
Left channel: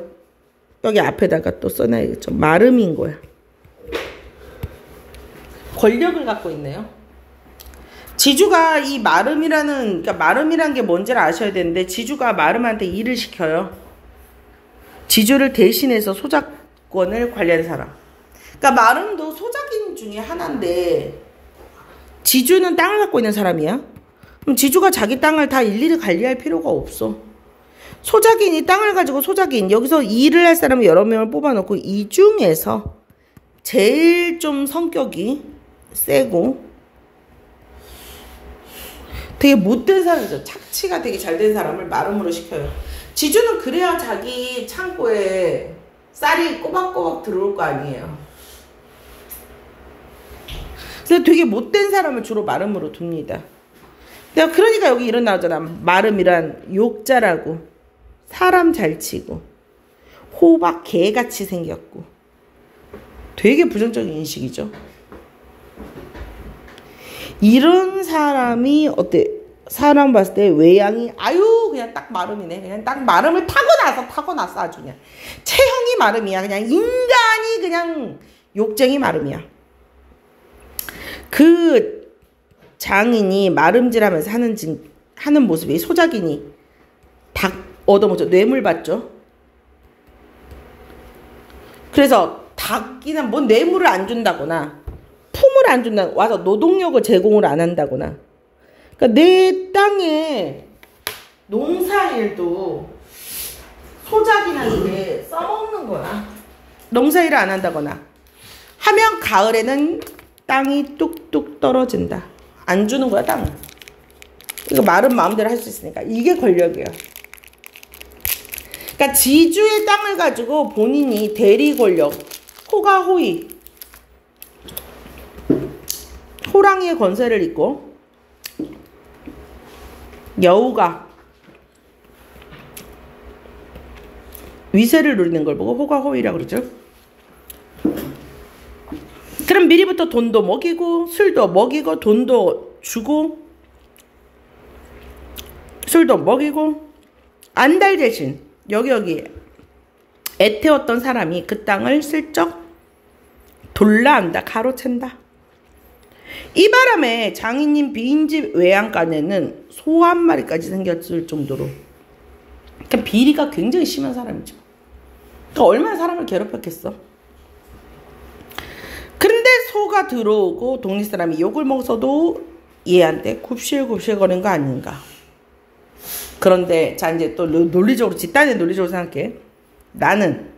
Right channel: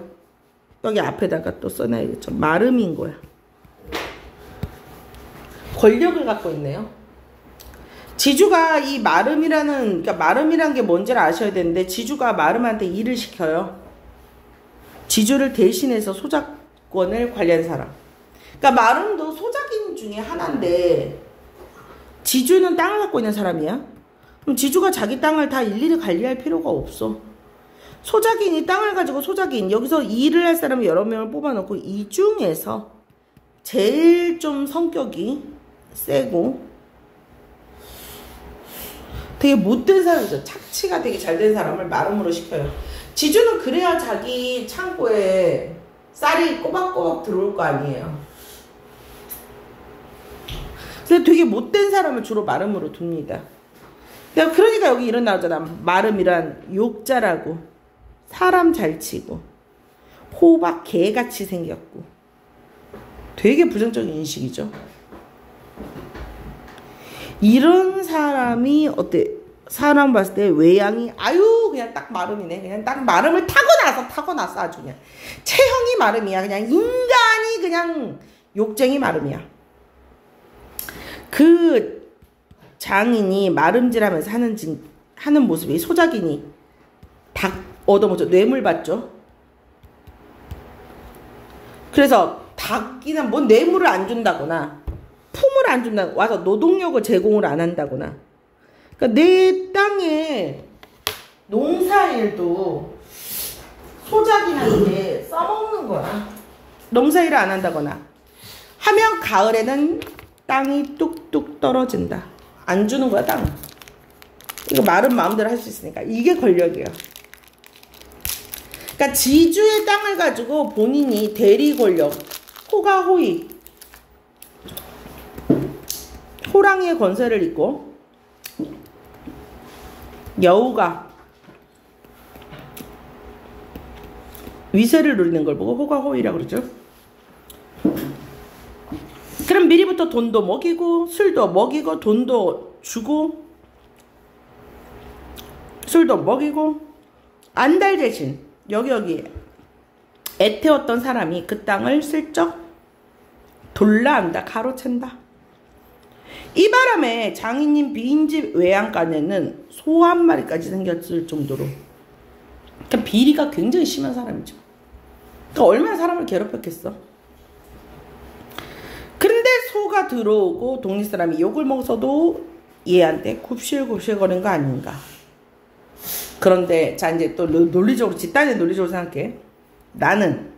여기 앞에다가 또 써놔야겠죠. 마름인 거야. 권력을 갖고 있네요. 지주가 이 그러니까 마름이라는 게 뭔지를 아셔야 되는데, 지주가 마름한테 일을 시켜요. 지주를 대신해서 소작권을 관리하는 사람. 그러니까 마름도 소작인 중에 하나인데, 지주는 땅을 갖고 있는 사람이야. 그럼 지주가 자기 땅을 다 일일이 관리할 필요가 없어. 소작인이 땅을 가지고 여기서 일을 할 사람을 여러 명을 뽑아놓고 이 중에서 제일 좀 성격이 세고 되게 못된 사람이죠. 착취가 되게 잘 된 사람을 마름으로 시켜요. 지주는 그래야 자기 창고에 쌀이 꼬박꼬박 들어올 거 아니에요. 그래서 되게 못된 사람을 주로 마름으로 둡니다. 그러니까 여기 이런 나오잖아. 마름이란 욕자라고. 사람 잘 치고 호박 개같이 생겼고 되게 부정적인 인식이죠. 이런 사람이 어때? 사람 봤을 때 외양이 아유 그냥 딱 마름이네. 그냥 딱 마름을 타고났어 아주 그냥. 체형이 마름이야. 그냥 인간이 그냥 욕쟁이 마름이야. 그 장인이 마름질하면서 하는 모습이 소작인이 닭 얻어먹죠. 뇌물 받죠. 그래서 닭이나 뭐 뇌물을 안 준다거나 품을 안 준다거나 와서 노동력을 제공을 안 한다거나 그러니까 내 땅에 농사일도 소작인한테 써먹는 거야. 농사일을 안 한다거나 하면 가을에는 땅이 뚝뚝 떨어진다. 안 주는 거야 땅을. 이거 말은 마음대로 할 수 있으니까 이게 권력이에요. 그러니까 지주의 땅을 가지고 본인이 대리 권력, 호가호의, 호랑이의 권세를 잇고 여우가 위세를 누리는 걸 보고 호가호의라고 그러죠. 그럼 미리부터 돈도 먹이고 술도 먹이고 돈도 주고 술도 먹이고 안달 대신 여기 애태웠던 사람이 그 땅을 슬쩍 돌라한다. 가로챈다. 이 바람에 장인님 빈집 외양간에는 소 한 마리까지 생겼을 정도로 그러니까 비리가 굉장히 심한 사람이죠. 그러니까 얼마나 사람을 괴롭혔겠어. 그런데 소가 들어오고 동네 사람이 욕을 먹어서도 얘한테 굽실굽실 거리는 거 아닌가. 그런데 자 이제 또 논리적으로 집단의 논리적으로 생각해. 나는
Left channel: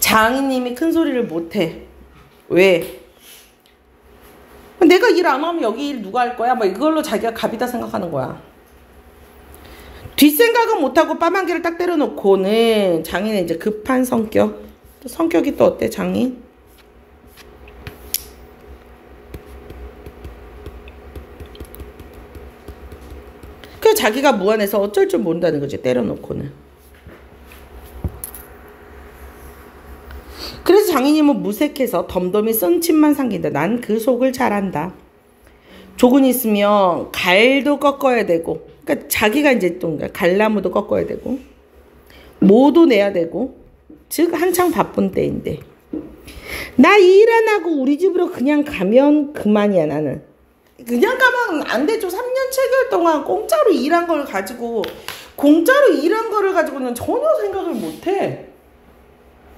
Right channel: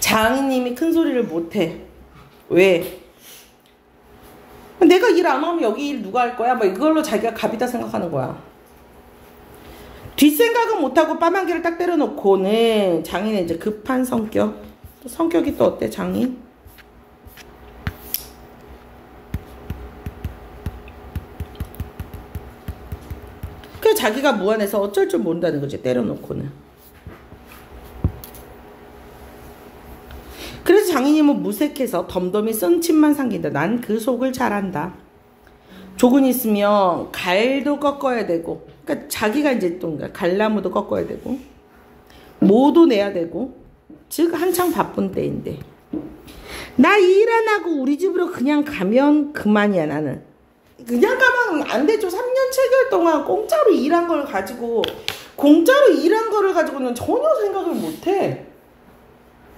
장인님이 큰 소리를 못해. 왜? 내가 일 안 하면 여기 일 누가 할 거야? 뭐 이걸로 자기가 갑이다 생각하는 거야. 뒷생각은 못하고 뺨 한 개를 딱 때려놓고는 장인의 이제 급한 성격이 또 어때 장인? 자기가 무안해서 어쩔 줄 모른다는 거지. 때려놓고는. 그래서 장인님은 무색해서 덤덤히 썬침만 삼긴다. 난 그 속을 잘 안다. 조근이 있으면 갈도 꺾어야 되고 그러니까 자기가 이제 또 갈나무도 꺾어야 되고 모도 내야 되고 즉 한창 바쁜 때인데 나 일 안 하고 우리 집으로 그냥 가면 그만이야. 나는 그냥 가면 안 되죠. 3년 7개월 동안 공짜로 일한 걸 가지고 는 전혀 생각을 못해.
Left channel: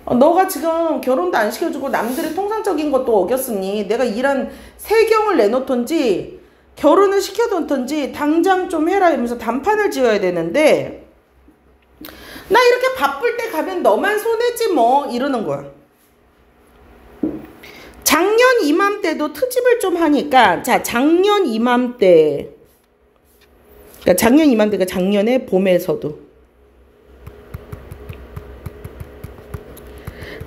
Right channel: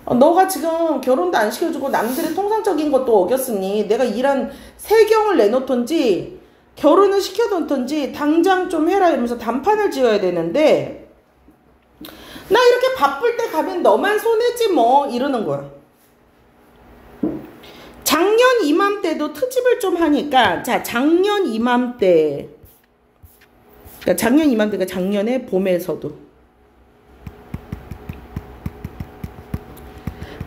너가 지금 결혼도 안 시켜주고 남들의 통상적인 것도 어겼으니 내가 일한 세경을 내놓던지 결혼을 시켜놓던지 당장 좀 해라 이러면서 단판을 지어야 되는데 나 이렇게 바쁠 때 가면 너만 손해지 뭐 이러는 거야. 작년 이맘때도 트집을 좀 하니까 자 작년 이맘때 그러니까 작년 이맘때가 작년에 봄에서도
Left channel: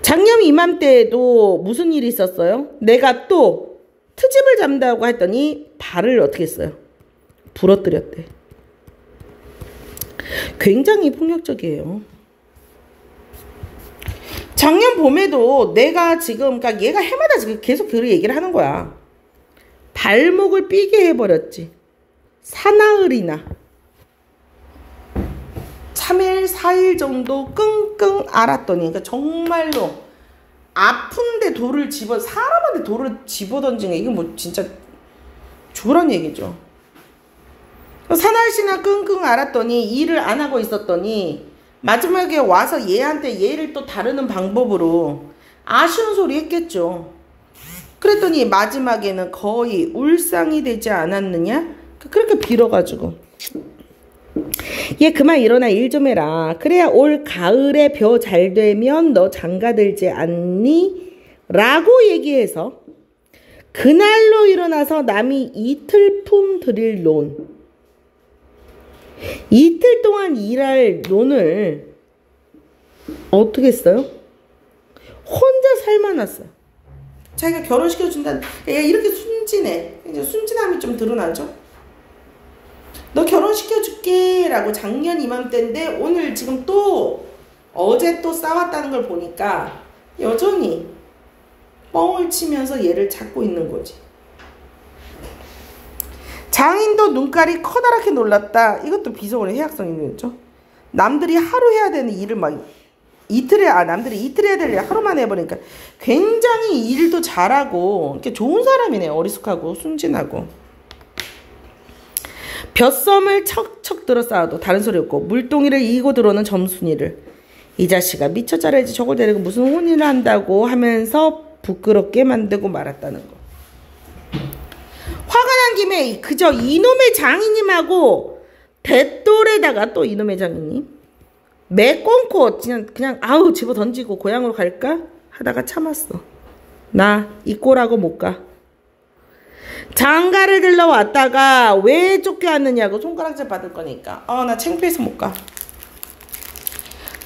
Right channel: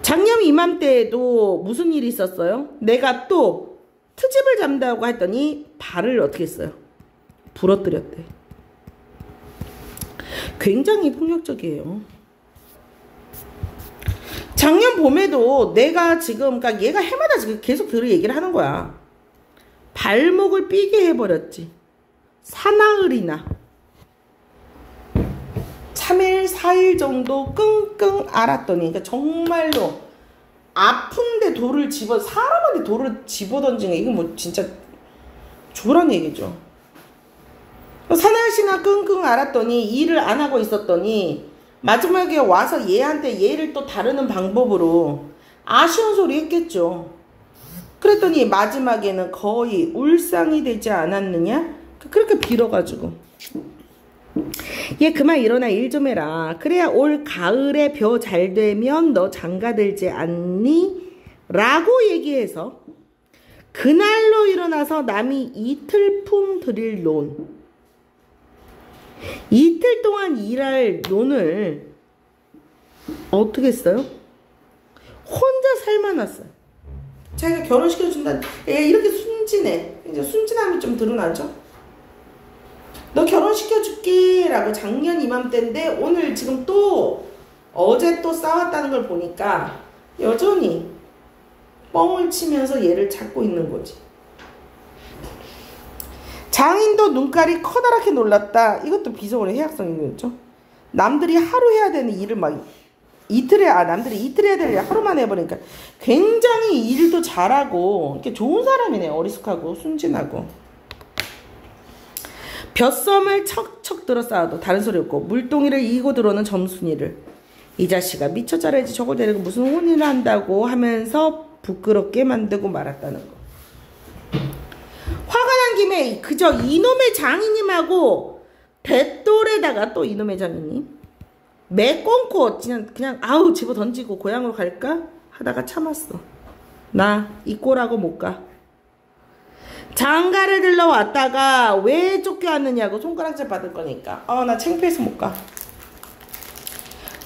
작년 이맘때에도 무슨 일이 있었어요? 내가 또 트집을 잡는다고 했더니 발을 어떻게 했어요? 부러뜨렸대. 굉장히 폭력적이에요. 작년 봄에도 내가 지금, 그러니까 얘가 해마다 지금 계속 그 얘기를 하는 거야. 발목을 삐게 해버렸지. 사나흘이나 3일, 4일 정도 끙끙 앓았더니, 그러니까 정말로 아픈데 사람한테 돌을 집어 던진 게, 이건 뭐 진짜 조란 얘기죠. 사나흘이나 끙끙 앓았더니 일을 안 하고 있었더니 마지막에 와서 얘를 또 다루는 방법으로 아쉬운 소리 했겠죠. 그랬더니 마지막에는 거의 울상이 되지 않았느냐? 그렇게 빌어가지고 얘 그만 일어나 일 좀 해라. 그래야 올 가을에 벼 잘 되면 너 장가들지 않니? 라고 얘기해서 그날로 일어나서 남이 이틀 품 들일 논, 이틀 동안 일할 논을 어떻게 했어요? 혼자 살만했어요. 자기가 결혼시켜준다. 얘 이렇게 순진해. 이제 순진함이 좀 드러나죠. 너 결혼시켜줄게 라고 작년 이맘때인데 오늘 지금 또 어제 또 싸웠다는 걸 보니까 여전히 뻥을 치면서 얘를 찾고 있는 거지. 장인도 눈깔이 커다랗게 놀랐다. 이것도 비속어의 해악성이겠죠. 남들이 하루 해야 되는 일을 막 남들이 이틀 해야 되는 일을 하루만 해버리니까 굉장히 일도 잘하고 이렇게 좋은 사람이네. 어리숙하고 순진하고. 벼썸을 척척 들어 쌓아도 다른 소리 없고 물동이를 이기고 들어오는 점순이를 이 자식아 미쳐 자라야지 저걸 데리고 무슨 혼인을 한다고 하면서 부끄럽게 만들고 말았다는 거. 화가 난 김에 그저 이놈의 장인님하고 뱃돌에다가 또 이놈의 장인님 매꽁코 그냥 아우 집어 던지고 고향으로 갈까 하다가 참았어. 나 이 꼴하고 못 가. 장가를 들러 왔다가 왜 쫓겨왔느냐고 손가락질 받을 거니까 나 창피해서 못 가.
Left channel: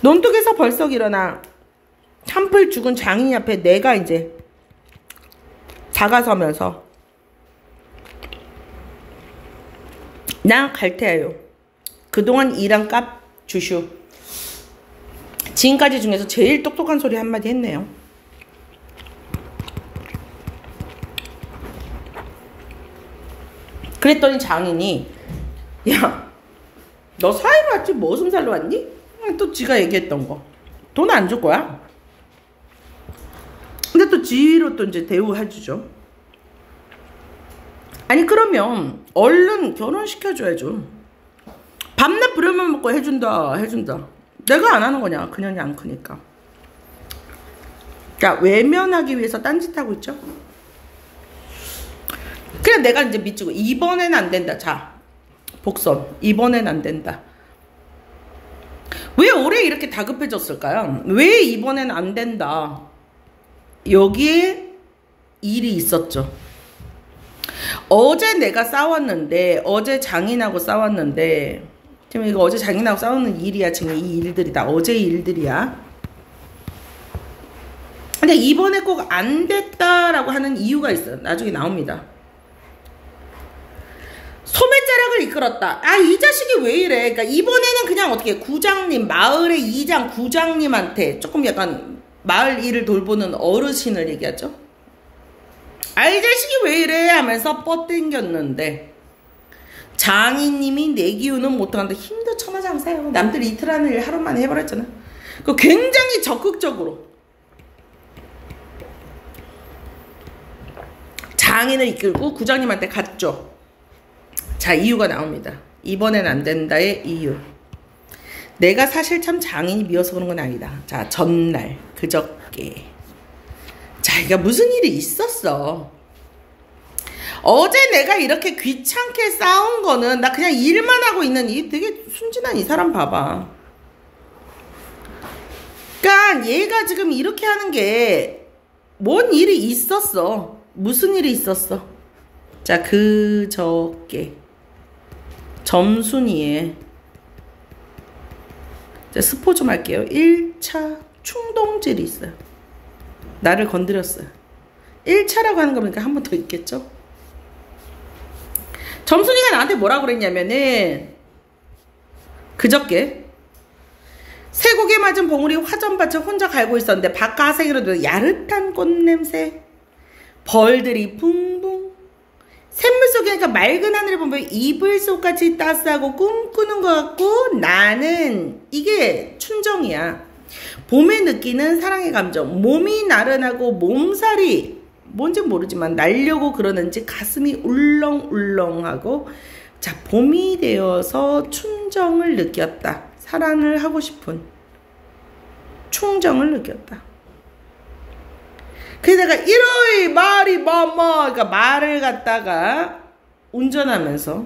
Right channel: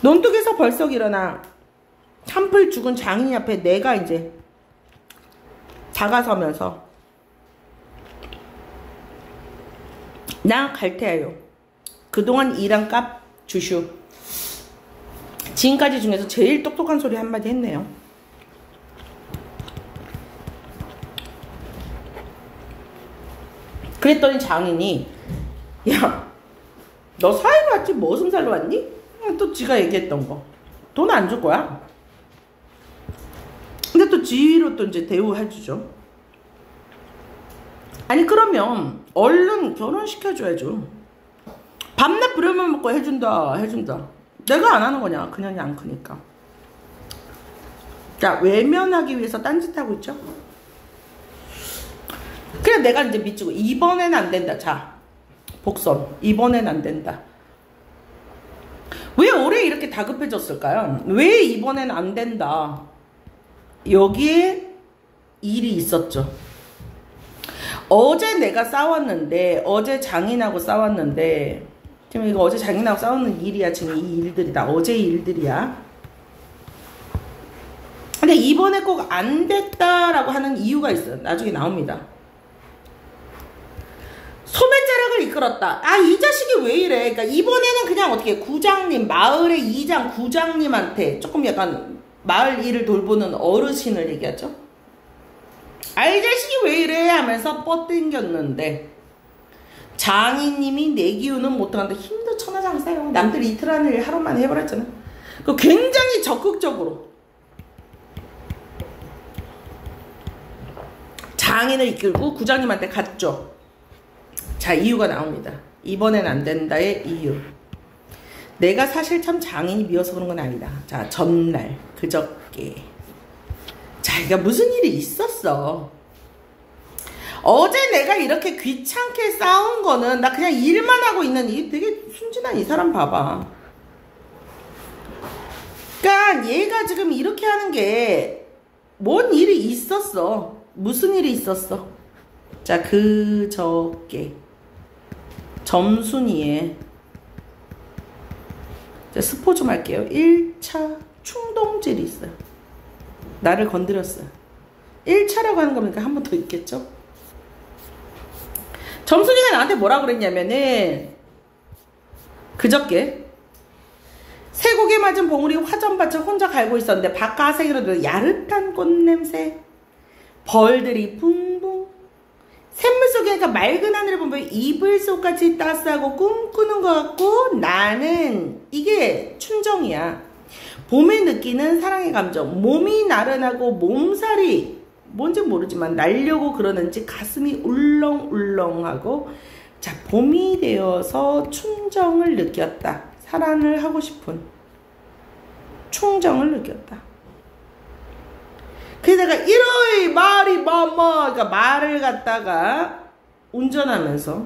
논둑에서 벌썩 일어나 한풀 죽은 장인 앞에 내가 이제 다가서면서 난 갈테예요. 그동안 일한 값 주슈. 지금까지 중에서 제일 똑똑한 소리 한마디 했네요. 그랬더니 장인이 야, 너 사회로 왔지 무슨 살로 왔니? 또 지가 얘기했던 거. 돈 안 줄 거야. 근데 또 지로 또 이제 대우해주죠. 아니 그러면 얼른 결혼시켜줘야죠. 밤낮 부려면 먹고 해준다. 내가 안 하는 거냐. 그년이 안 크니까. 자, 외면하기 위해서 딴짓하고 있죠. 그래 내가 이제 미치고 이번엔 안 된다. 자, 복선 이번엔 안 된다. 왜 올해 이렇게 다급해졌을까요? 왜 이번엔 안 된다. 여기에 일이 있었죠. 어제 내가 싸웠는데 어제 장인하고 싸웠는데 지금 이거 어제 장인하고 싸우는 일이야. 지금 이 일들이다. 어제의 일들이야. 근데 이번에 꼭 안 됐다라고 하는 이유가 있어요. 나중에 나옵니다. 소매자락을 이끌었다. 이 자식이 왜 이래. 그러니까 이번에는 그냥 어떻게 구장님, 마을의 이장 구장님한테 조금 약간 마을 일을 돌보는 어르신을 얘기하죠. 이 자식이 왜 이래 하면서 뻗땡겼는데 장인님이 내 기운은 못하는데 힘도 천하장사요. 남들이 이틀 하는 일 하루만에 해버렸잖아. 굉장히 적극적으로 장인을 이끌고 구장님한테 갔죠. 자, 이유가 나옵니다. 이번엔 안 된다의 이유. 내가 사실 참 장인이 미워서 그런 건 아니다. 자, 전날 그저께 자기가 무슨 일이 있었어. 어제 내가 이렇게 귀찮게 싸운 거는 나 그냥 일만 하고 있는 이 되게 순진한 이 사람 봐봐. 그러니까 얘가 지금 이렇게 하는 게 뭔 일이 있었어. 무슨 일이 있었어. 자, 그저께 점순이에 스포 좀 할게요. 1차 충동질이 있어요. 나를 건드렸어요. 1차라고 하는 거니까 한 번 더 있겠죠. 점순이가 나한테 뭐라 그랬냐면은 그저께 쇠고개 맞은 봉우리 화전밭을 혼자 갈고 있었는데 바깥생이로도 야릇한 꽃냄새, 벌들이 붕붕, 샘물 속에 그러니까 맑은 하늘을 보면 이불 속같이 따스하고 꿈꾸는 것 같고, 나는 이게 춘정이야. 봄에 느끼는 사랑의 감정, 몸이 나른하고 몸살이 뭔지 모르지만 날려고 그러는지 가슴이 울렁울렁하고, 자, 봄이 되어서 춘정을 느꼈다. 사랑을 하고 싶은 충정을 느꼈다. 그래서 내가 일어이 말이 그러니까 말을 갖다가 운전하면서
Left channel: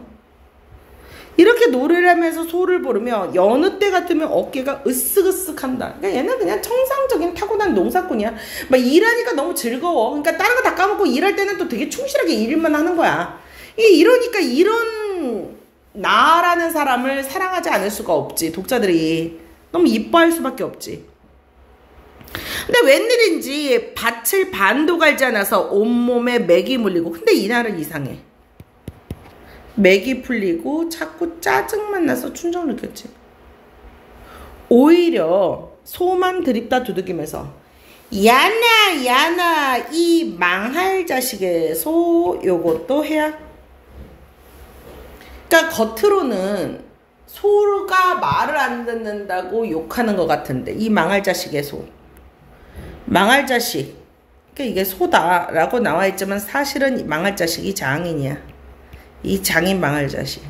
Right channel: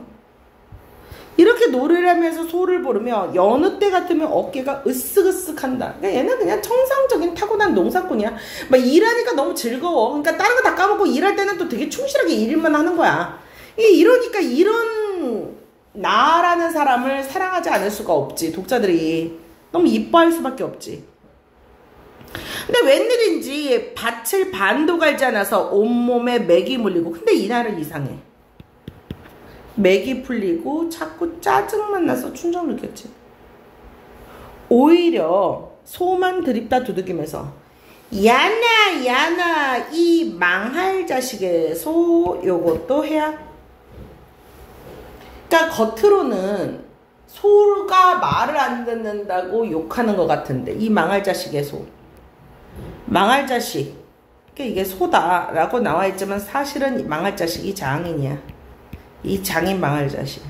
이렇게 노래를 하면서 소를 부르며 여느 때 같으면 어깨가 으쓱으쓱한다. 그러니까 얘는 그냥 정상적인 타고난 농사꾼이야. 막 일하니까 너무 즐거워. 그러니까 다른 거 다 까먹고 일할 때는 또 되게 충실하게 일만 하는 거야. 이러니까 이런 나라는 사람을 사랑하지 않을 수가 없지. 독자들이 너무 이뻐할 수밖에 없지. 근데 웬일인지 밭을 반도 갈지 않아서 온몸에 맥이 물리고, 근데 이날은 이상해. 맥이 풀리고 자꾸 짜증만 나서 춘정 느꼈지. 오히려 소만 드립다 두들기면서 야나 이 망할 자식의 소 요것도 해야. 그러니까 겉으로는 소가 말을 안 듣는다고 욕하는 것 같은데, 이 망할 자식의 소, 망할 자식, 그러니까 이게 소다라고 나와 있지만 사실은 이 망할 자식이 장인이야. 이 장인 망할 자식.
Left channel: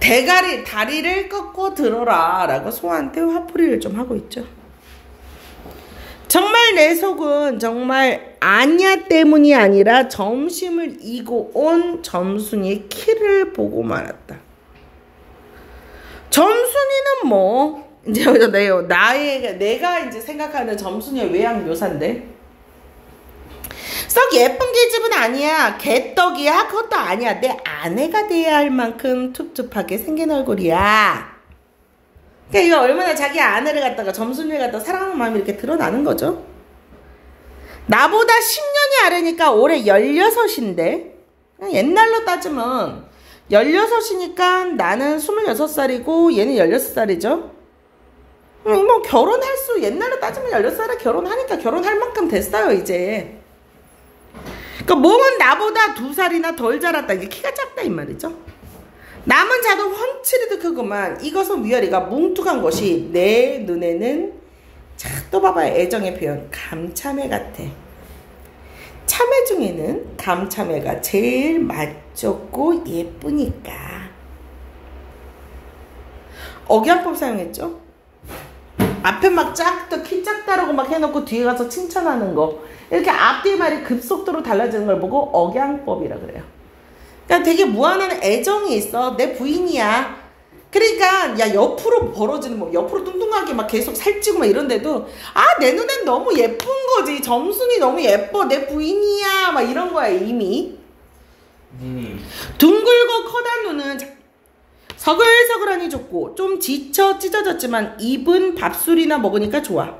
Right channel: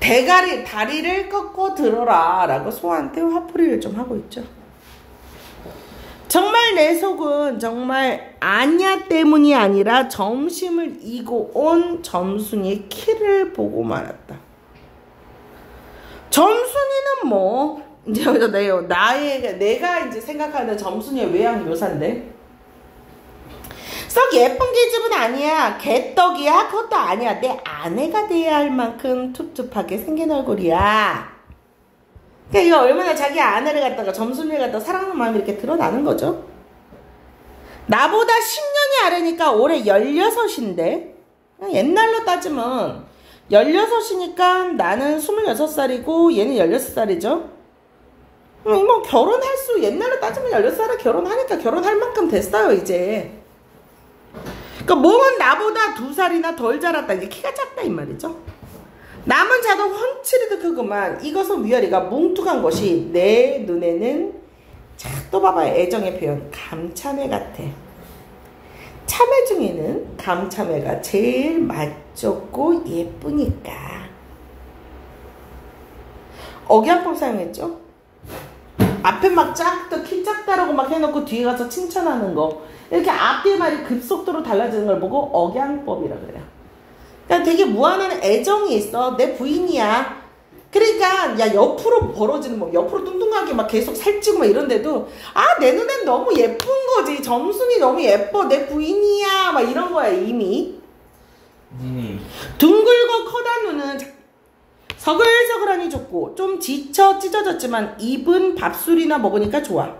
다리를 꺾고 들어라 라고 소한테 화풀이를 좀 하고 있죠. 정말 내 속은 정말 아냐 때문이 아니라 점심을 이고 온 점순이의 키를 보고 말았다. 점순이는 뭐 이제 내가 이제 생각하는 점순이의 외양 묘사인데, 썩 예쁜 계집은 아니야. 개떡이야. 그것도 아니야. 내 아내가 돼야 할 만큼 툭툭하게 생긴 얼굴이야. 그러니까 이거 얼마나 자기 아내를 갖다가 점순이를 갖다가 사랑하는 마음이 이렇게 드러나는 거죠. 나보다 10년이 아래니까 올해 16인데 옛날로 따지면 16이니까 나는 26살이고 얘는 16살이죠. 뭐 결혼할 수, 옛날로 따지면 16살에 결혼하니까 결혼할 만큼 됐어요 이제. 그러니까 몸은 나보다 2살이나 덜 자랐다. 이게 키가 작다 이 말이죠. 남은 자도 훤치르듯 크구만. 이것은 위아래가 뭉툭한 것이 내 눈에는, 자, 또 봐봐요. 애정의 표현. 감참회 같아. 참회 중에는 감참회가 제일 맛좋고 예쁘니까. 억양법 사용했죠. 앞에 막 작다, 키 작다라고 막 해놓고 뒤에 가서 칭찬하는 거. 이렇게 앞뒤의 말이 급속도로 달라지는 걸 보고 억양법이라 그래요. 그러니까 되게 무한한 애정이 있어. 내 부인이야. 그러니까 야 옆으로 벌어지는, 뭐 옆으로 뚱뚱하게 막 계속 살찌고 막 이런데도 내 눈엔 너무 예쁜 거지. 점순이 너무 예뻐. 내 부인이야. 막 이런 거야 이미. 둥글고 커다란 눈은 서글서글하니 좋고 좀 지쳐 찢어졌지만 입은 밥술이나 먹으니까 좋아.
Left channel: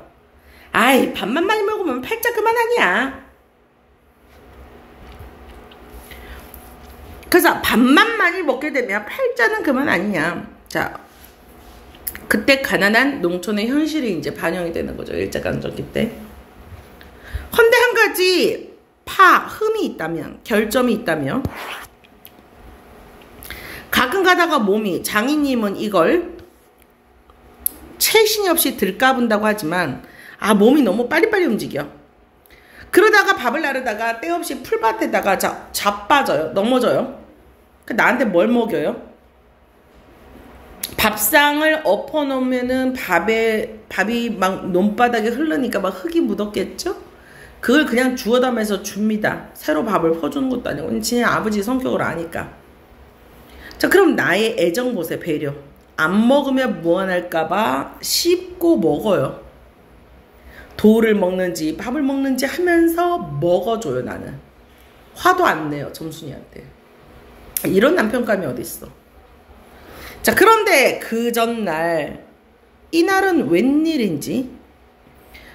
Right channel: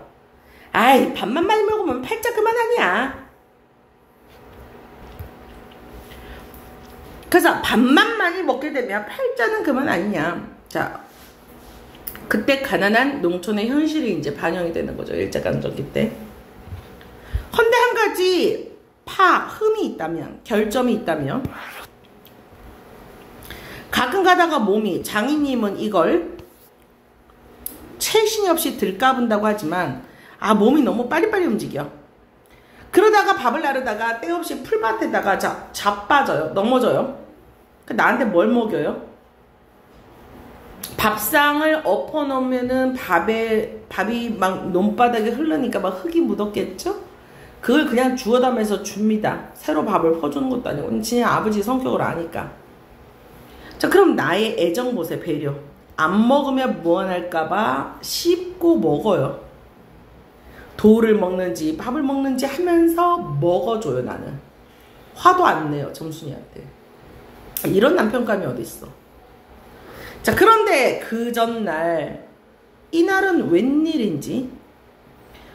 아이, 밥만 많이 먹으면 팔자 그만하냐. 그래서 밥만 많이 먹게 되면 팔자는 그만 아니냐. 자, 그때 가난한 농촌의 현실이 이제 반영이 되는 거죠. 일제강점기 때. 헌데 한 가지 흠이 있다면, 결점이 있다면, 가끔 가다가 몸이, 장인님은 이걸 체신이 없이 들까분다고 하지만 몸이 너무 빨리빨리 움직여. 그러다가 밥을 나르다가 때없이 풀밭에다가 자빠져요. 넘어져요. 나한테 뭘 먹여요? 밥상을 엎어놓으면은 밥이 막 논바닥에 흐르니까 막 흙이 묻었겠죠? 그걸 그냥 주워다면서 줍니다. 새로 밥을 퍼주는 것도 아니고. 진짜 아버지 성격을 아니까. 자, 그럼 나의 애정 보세요. 배려. 안 먹으면 무안할까봐 씹고 먹어요. 돌을 먹는지 밥을 먹는지 하면서 먹어줘요. 나는 화도 안 내요. 점순이한테. 이런 남편감이 어딨어. 자, 그런데 그 전날, 이날은 웬일인지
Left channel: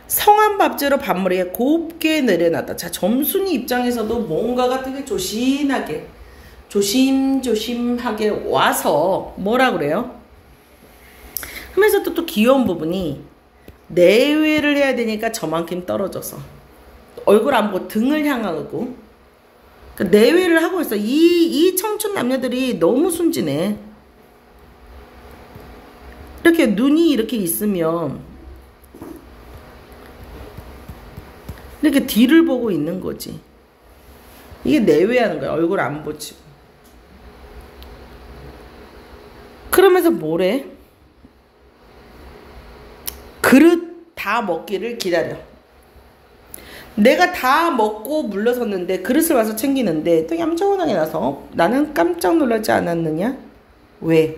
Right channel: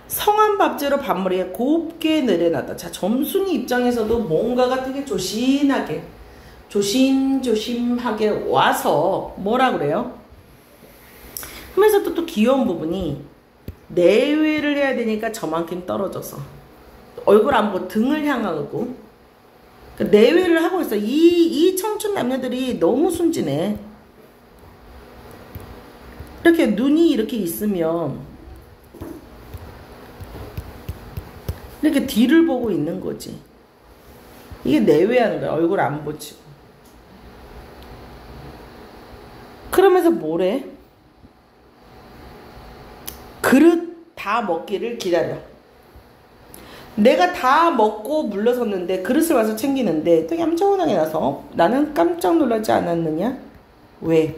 성한 밥재로 밥머리에 곱게 내려놨다. 자, 점순이 입장에서도 뭔가가 되게 조심하게 와서 뭐라 그래요? 하면서 또 귀여운 부분이 내외를 해야 되니까 저만큼 떨어져서 얼굴 안 보고 등을 향하고 내외를 하고 있어. 이 청춘 남녀들이 너무 순진해. 이렇게 눈이 이렇게 있으면 이렇게 뒤를 보고 있는 거지. 이게 내외하는 거야. 얼굴 안 보지. 그러면서 뭐래? 그릇 다 먹기를 기다려. 내가 다 먹고 물러섰는데 그릇을 와서 챙기는데 또 얌전하게 나서 나는 깜짝 놀라지 않았느냐? 왜?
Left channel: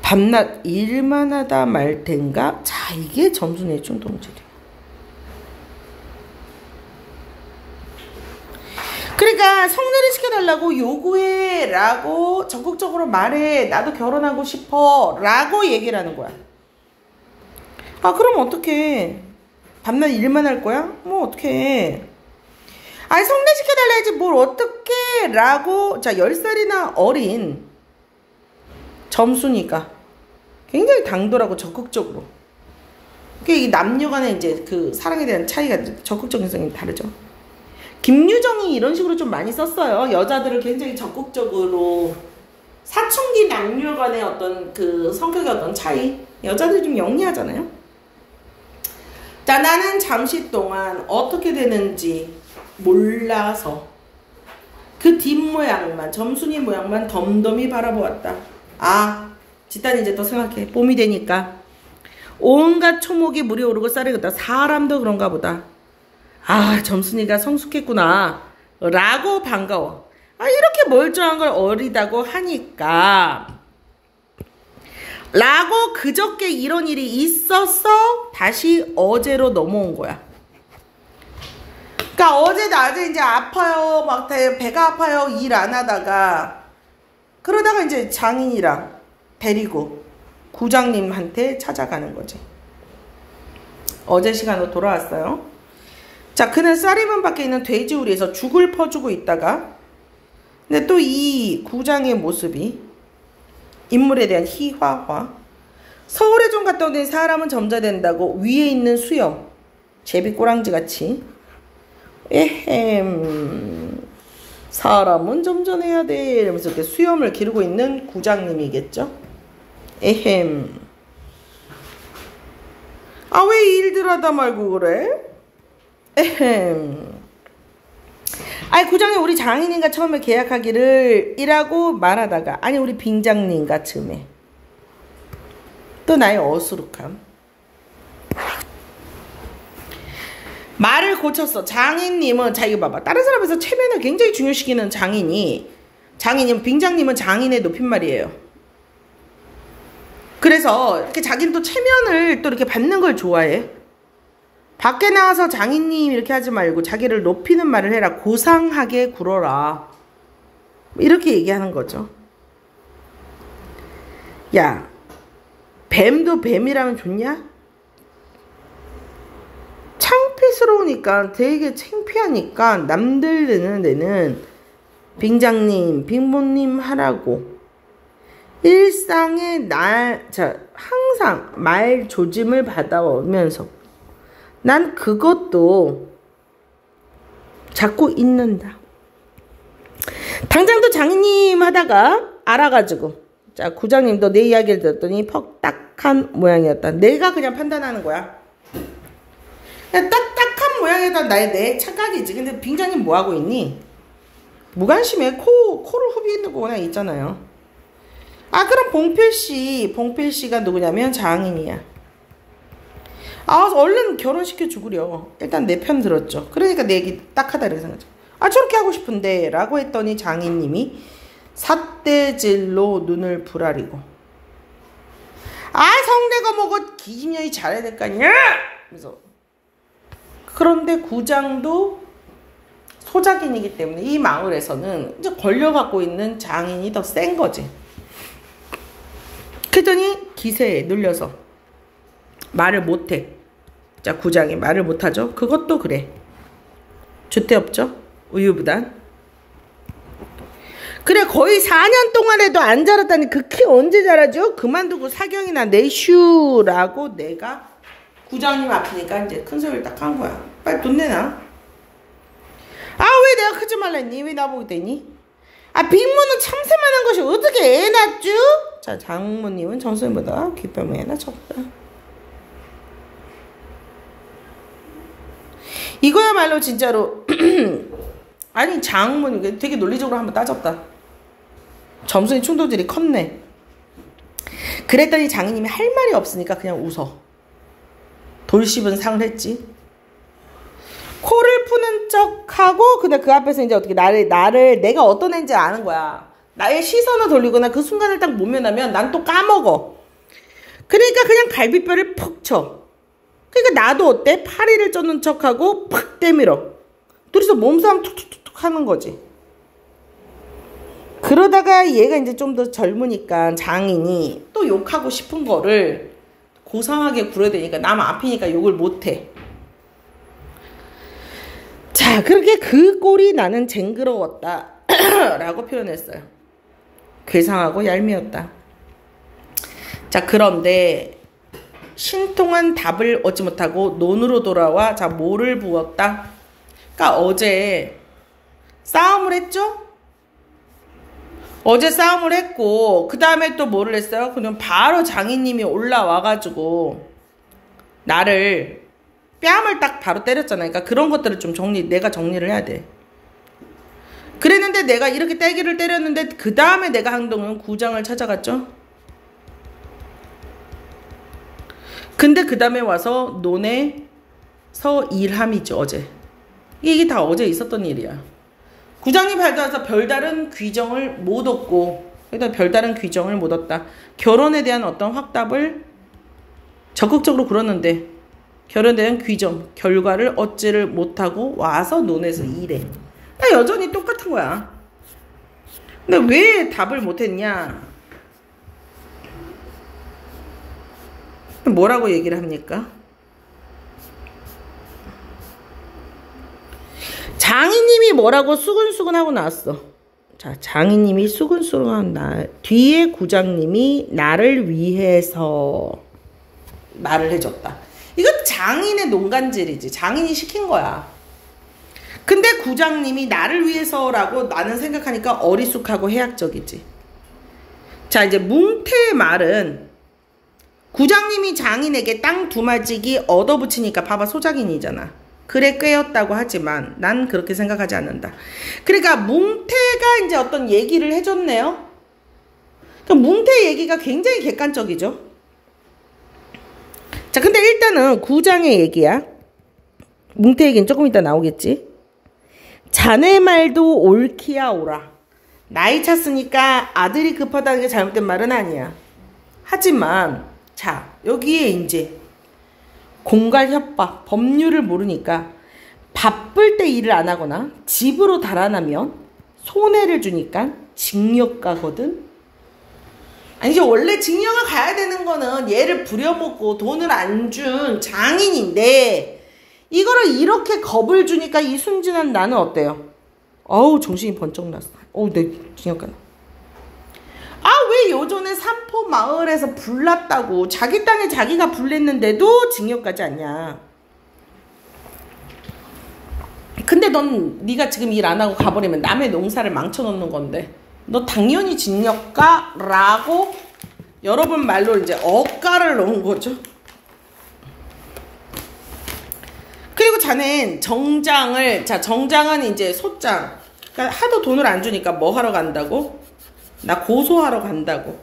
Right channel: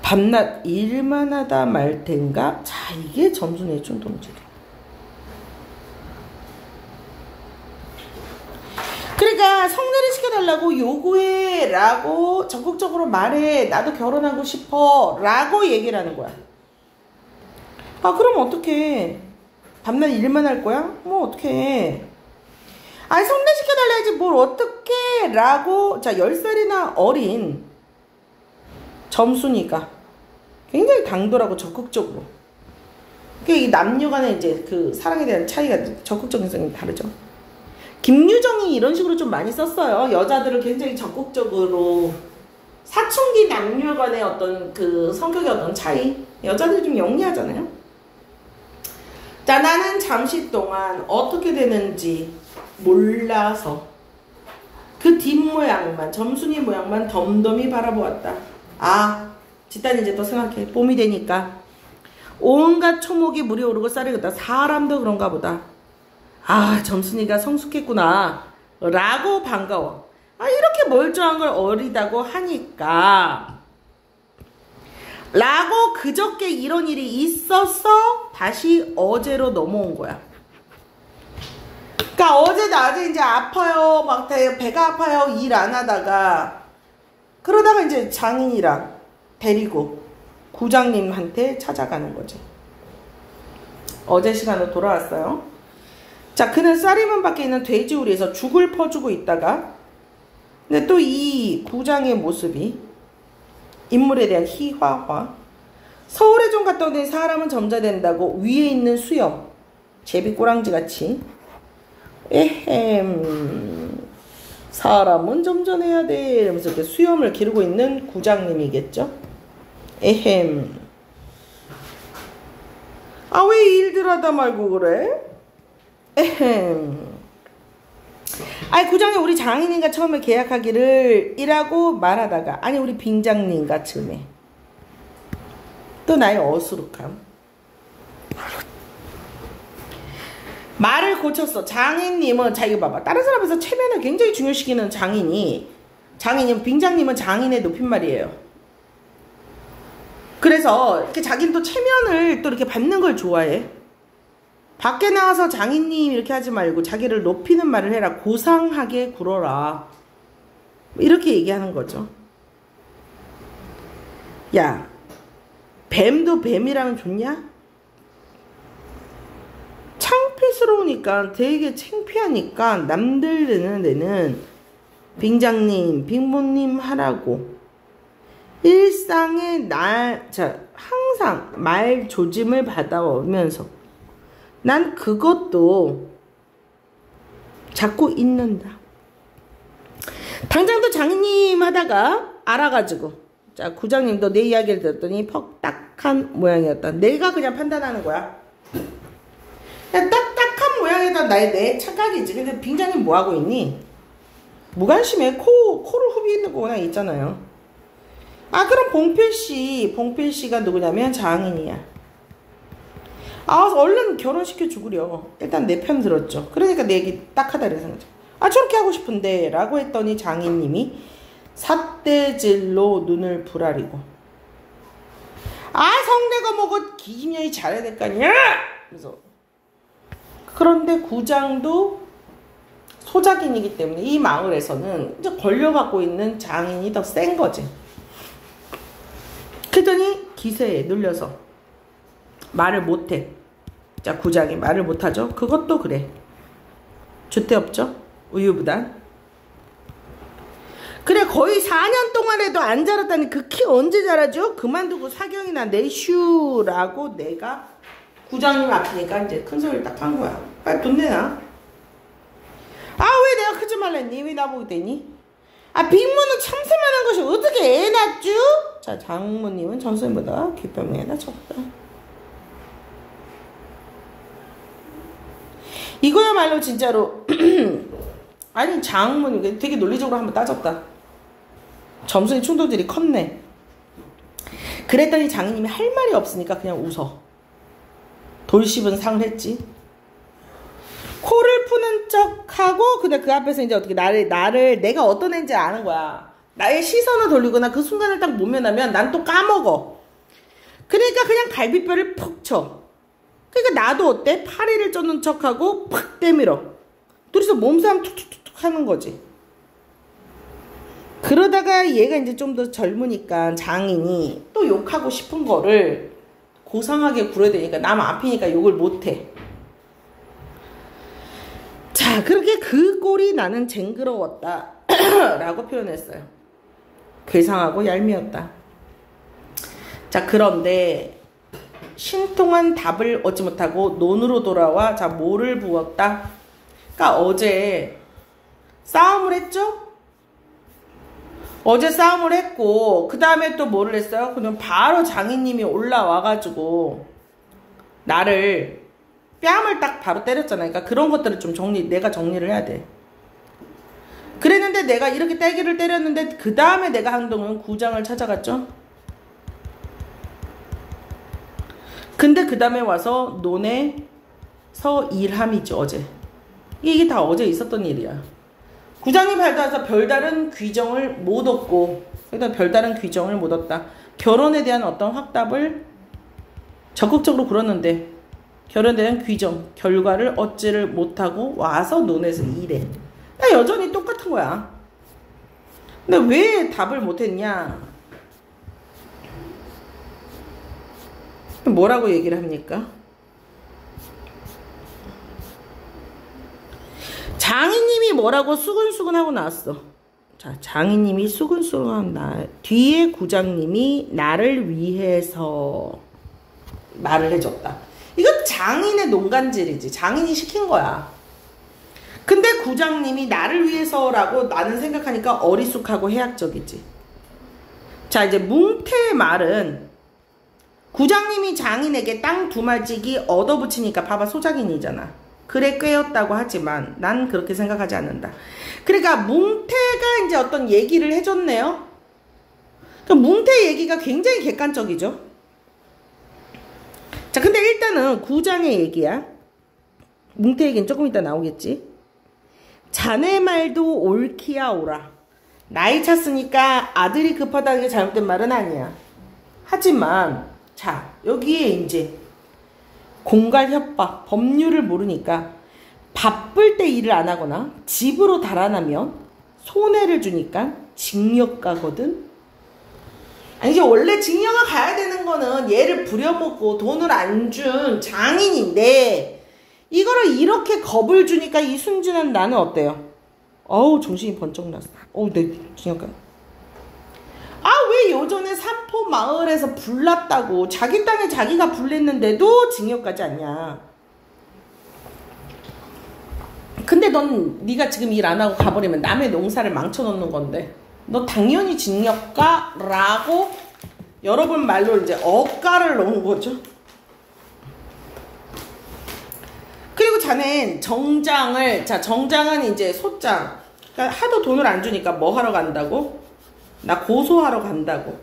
밤낮 일만 하다 말 텐가? 자, 이게 점순의 충동지다. 그러니까 성례를 시켜달라고 요구해 라고 적극적으로 말해. 나도 결혼하고 싶어 라고 얘기를 하는 거야. 아, 그럼 어떡해. 밤낮 일만 할 거야? 뭐 어떡해. 아니, 성례 시켜달라 해야지 뭘 어떡해 라고. 자, 10살이나 어린 점순이가 굉장히 당돌하고 적극적으로. 이 남녀 간의 이제 그 사랑에 대한 차이가 적극적인 성이 다르죠. 김유정이 이런 식으로 좀 많이 썼어요. 여자들을 굉장히 적극적으로. 사춘기 남녀 간의 어떤 그 성격의 어떤 차이. 여자들이 좀 영리하잖아요. 자, 나는 잠시 동안 어떻게 되는지 몰라서 그 뒷모양만, 점순이 모양만 덤덤히 바라보았다. 아, 집단 이제 또 생각해. 봄이 되니까 온갖 초목이 물이 오르고 쌀이 긋다. 사람도 그런가 보다. 아, 점순이가 성숙했구나 라고 반가워. 아, 이렇게 멀쩡한 걸 어리다고 하니까 라고 그저께 이런 일이 있었어 다시 어제로 넘어온 거야. 그러니까 어제 낮에 이제 아파요, 막 배가 아파요, 일 안 하다가 그러다가 이제 장인이랑 데리고 구장님한테 찾아가는 거지. 어제 시간으로 돌아왔어요. 자, 그날 쌀이문 밖에 있는 돼지우리에서 죽을 퍼주고 있다가 근데 또 이 구장의 모습이 인물에 대한 희화화. 서울에 좀 갔다 오더니 사람은 점자된다고 위에 있는 수염 제비꼬랑지같이 에헴 사람은 점전해야 돼 이러면서 이렇게 수염을 기르고 있는 구장님이겠죠. 에헴 아, 왜 일들 하다 말고 그래? 에헴 아니, 구장님 우리 장인님과 처음에 계약하기를 이라고 말하다가 아니 우리 빙장님과 처음에 또 나의 어수룩함. 말을 고쳤어. 장인님은 자, 이거 봐봐. 다른 사람에서 체면을 굉장히 중요시키는 장인이 빙장님은 장인의 높임말이에요. 그래서 이렇게 자기는 또 체면을 또 이렇게 받는 걸 좋아해. 밖에 나가서 장인님 이렇게 하지 말고 자기를 높이는 말을 해라. 고상하게 굴어라. 이렇게 얘기하는 거죠. 야, 뱀도 뱀이라면 좋냐? 창피스러우니까 되게 창피하니까 남들 드는 데는 빙장님, 빙보님 하라고 일상에 항상 말 조짐을 받아오면서 난 그것도 자꾸 잊는다. 당장 또 장님 하다가 알아가지고 자, 구장님도 내 이야기를 들었더니 퍽딱한 모양이었다. 내가 그냥 판단하는 거야. 그냥 딱딱한 모양이다. 내 착각이지. 근데 빙장님 뭐하고 있니? 무관심해. 코를 후비는 거 그냥 있잖아요. 아, 그럼 봉필씨가 누구냐면 장인이야. 아, 얼른 결혼시켜 주구려. 일단 내 편 들었죠. 그러니까 내 얘기 딱 하다 이렇게 생각하죠. 아, 저렇게 하고 싶은데 라고 했더니 장인님이 삿대질로 눈을 부라리고 아, 성내가 뭐고 기집년이 잘해야 될 거 아니야? 그래서 그런데 구장도 소작인이기 때문에 이 마을에서는 이제 걸려갖고 있는 장인이 더 센 거지. 그랬더니 기세에 눌려서 말을 못해. 자, 구장이 말을 못하죠. 그것도 그래. 주태 없죠. 우유부단. 그래 거의 4년 동안에도 안 자랐다니 그 키 언제 자라죠? 그만두고 사경이나 내슈라고 내가 구장님 아프니까 이제 큰 소리를 딱 한 거야. 빨리 돈 내놔. 아 왜 내가 크지 말랬니? 왜 나보고 됐니? 아 빅모는 참새만한 것이 어떻게 애 낳죠? 자 장모님은 정선보다 귓뱀을 애 낳았다. 이거야말로 진짜로 아니 장모님 되게 논리적으로 한번 따졌다. 점순이 충돌들이 컸네. 그랬더니 장인님이 할 말이 없으니까 그냥 웃어. 돌씹은 상을 했지. 코를 푸는 척하고 근데 그 앞에서 이제 어떻게 나를 내가 어떤 애인지 아는 거야. 나의 시선을 돌리거나 그 순간을 딱 모면하면 난 또 까먹어. 그러니까 그냥 갈비뼈를 푹 쳐. 그러니까 나도 어때? 파리를 쫓는 척하고 팍 때밀어. 둘이서 몸싸움 툭툭툭툭 하는 거지. 그러다가 얘가 이제 좀 더 젊으니까 장인이 또 욕하고 싶은 거를 고상하게 굴어대니까 남 앞이니까 욕을 못해. 자 그렇게 그 꼴이 나는 쟁그러웠다 라고 표현했어요. 괴상하고 얄미웠다. 자 그런데 신통한 답을 얻지 못하고 논으로 돌아와 자 뭐를 부었다? 그러니까 어제 싸움을 했죠? 어제 싸움을 했고 그 다음에 또 뭐를 했어요? 그냥 바로 장인님이 올라와가지고 나를 뺨을 딱 바로 때렸잖아요. 그러니까 그런 것들을 좀 내가 정리를 해야 돼. 그랬는데 내가 이렇게 떼기를 때렸는데 그 다음에 내가 한동안 구장을 찾아갔죠. 근데 그 다음에 와서 논에서 일함이죠. 어제 이게 다 어제 있었던 일이야. 구장이 밝아서 별다른 귀정을 못 얻고 그러니까 별다른 귀정을 못 얻다. 결혼에 대한 어떤 확답을 적극적으로 그러는데 결혼에 대한 귀정 결과를 얻지를 못하고 와서 논에서 일해. 여전히 똑같은 거야. 근데 왜 답을 못했냐? 뭐라고 얘기를 합니까? 장인님이 뭐라고 수근수근 하고 나왔어. 자, 장인님이 수근수근 한 뒤에 구장님이 나를 위해서 말을 해줬다. 이건 장인의 농간질이지. 장인이 시킨 거야. 근데 구장님이 나를 위해서라고 나는 생각하니까 어리숙하고 해학적이지. 자, 이제 뭉태의 말은 구장님이 장인에게 땅 두마지기 얻어붙이니까 봐봐 소장인이잖아. 그래 꿰었다고 하지만 난 그렇게 생각하지 않는다. 그러니까 뭉태가 이제 어떤 얘기를 해줬네요. 그러니까 뭉태 얘기가 굉장히 객관적이죠. 자 근데 일단은 구장의 얘기야. 뭉태 얘기는 조금 이따 나오겠지. 자네 말도 옳기야 오라. 나이 찼으니까 아들이 급하다는 게 잘못된 말은 아니야. 하지만 자 여기에 이제 공갈 협박, 법률을 모르니까 바쁠 때 일을 안 하거나 집으로 달아나면 손해를 주니까 징역 가거든. 아니 이제 원래 징역을 가야 되는 거는 얘를 부려먹고 돈을 안 준 장인인데 이거를 이렇게 겁을 주니까 이 순진한 나는 어때요? 어우 정신이 번쩍 났어. 어우 내 징역 가네. 아 왜 요전에 삼포 마을에서 불났다고 자기 땅에 자기가 불냈는데도 징역 가지 않냐. 근데 네가 지금 일 안 하고 가버리면 남의 농사를 망쳐놓는 건데 너 당연히 징역 가 라고 여러분 말로 이제 억가를 넣은 거죠. 그리고 자넨 정장을 정장은 이제 소장 그러니까 하도 돈을 안 주니까 뭐 하러 간다고? 나 고소하러 간다고.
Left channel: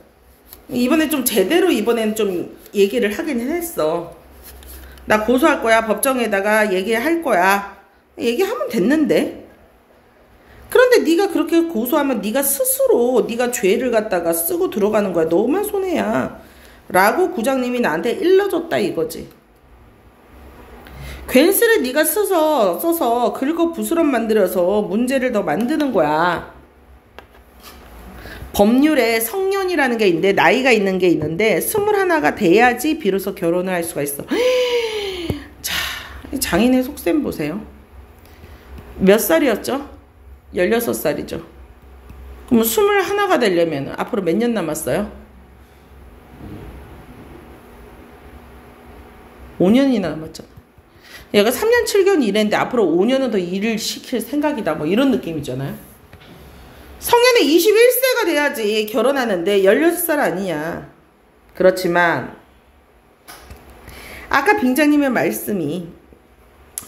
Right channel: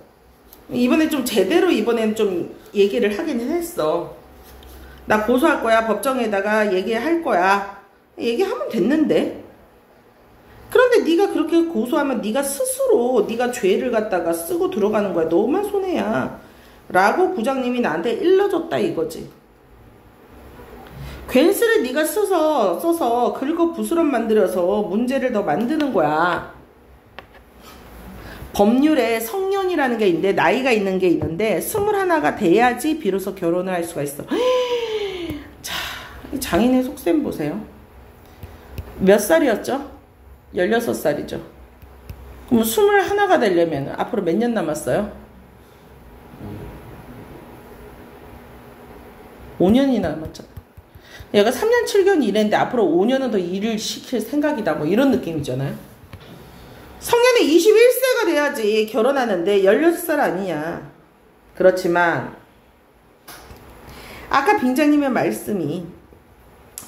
이번에 좀 제대로 이번엔 좀 얘기를 하긴 했어. 나 고소할 거야. 법정에다가 얘기할 거야. 얘기하면 됐는데. 그런데 네가 그렇게 고소하면 네가 스스로 네가 죄를 갖다가 쓰고 들어가는 거야. 너만 손해야. 라고 구장님이 나한테 일러줬다 이거지. 괜스레 네가 써서 긁어 부스럼 만들어서 문제를 더 만드는 거야. 법률에 성년이라는 게 있는데 나이가 있는 게 있는데 21가 돼야지 비로소 결혼을 할 수가 있어. 자, 장인의 속셈 보세요. 몇 살이었죠? 16살이죠. 그럼 21가 되려면 앞으로 몇 년 남았어요? 5년이나 남았죠. 얘가 3년 7개월 일했는데 앞으로 5년은 더 일을 시킬 생각이다. 뭐 이런 느낌이잖아요. 성년이 21세가 돼야지 결혼하는데 16살 아니야. 그렇지만 아까 빙자님의 말씀이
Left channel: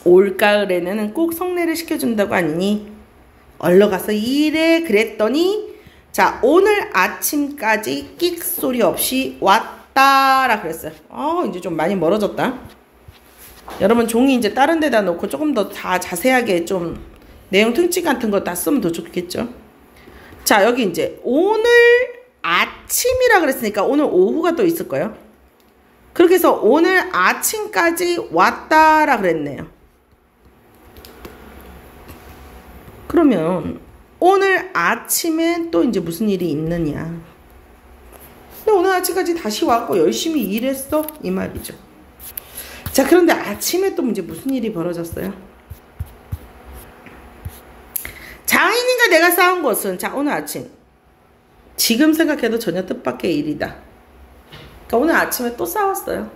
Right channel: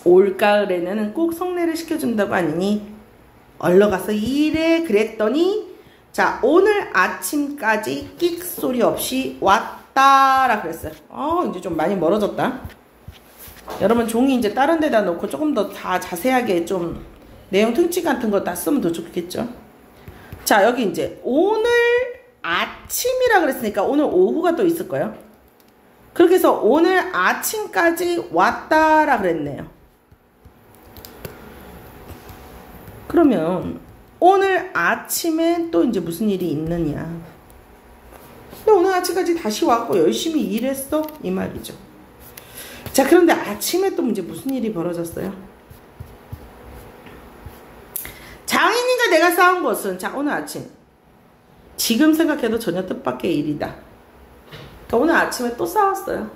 올가을에는 꼭 성례를 시켜준다고 하니 얼른 가서 일해 그랬더니 자 오늘 아침까지 끽 소리 없이 왔다라 그랬어요. 이제 좀 많이 멀어졌다. 여러분 종이 이제 다른 데다 놓고 조금 더 다 자세하게 좀 내용 특징 같은 거 다 쓰면 더 좋겠죠. 자 여기 이제 오늘 아침이라 그랬으니까 오늘 오후가 또 있을 거예요. 그렇게 해서 오늘 아침까지 왔다라 그랬네요. 그러면 오늘 아침에 또 이제 무슨 일이 있느냐. 근데 오늘 아침까지 다시 왔고 열심히 일했어 이 말이죠. 자 그런데 아침에 또 이제 무슨 일이 벌어졌어요. 장인인가 내가 쌓은 것은 자 오늘 아침 지금 생각해도 전혀 뜻밖의 일이다. 그러니까 오늘 아침에 또 싸웠어요.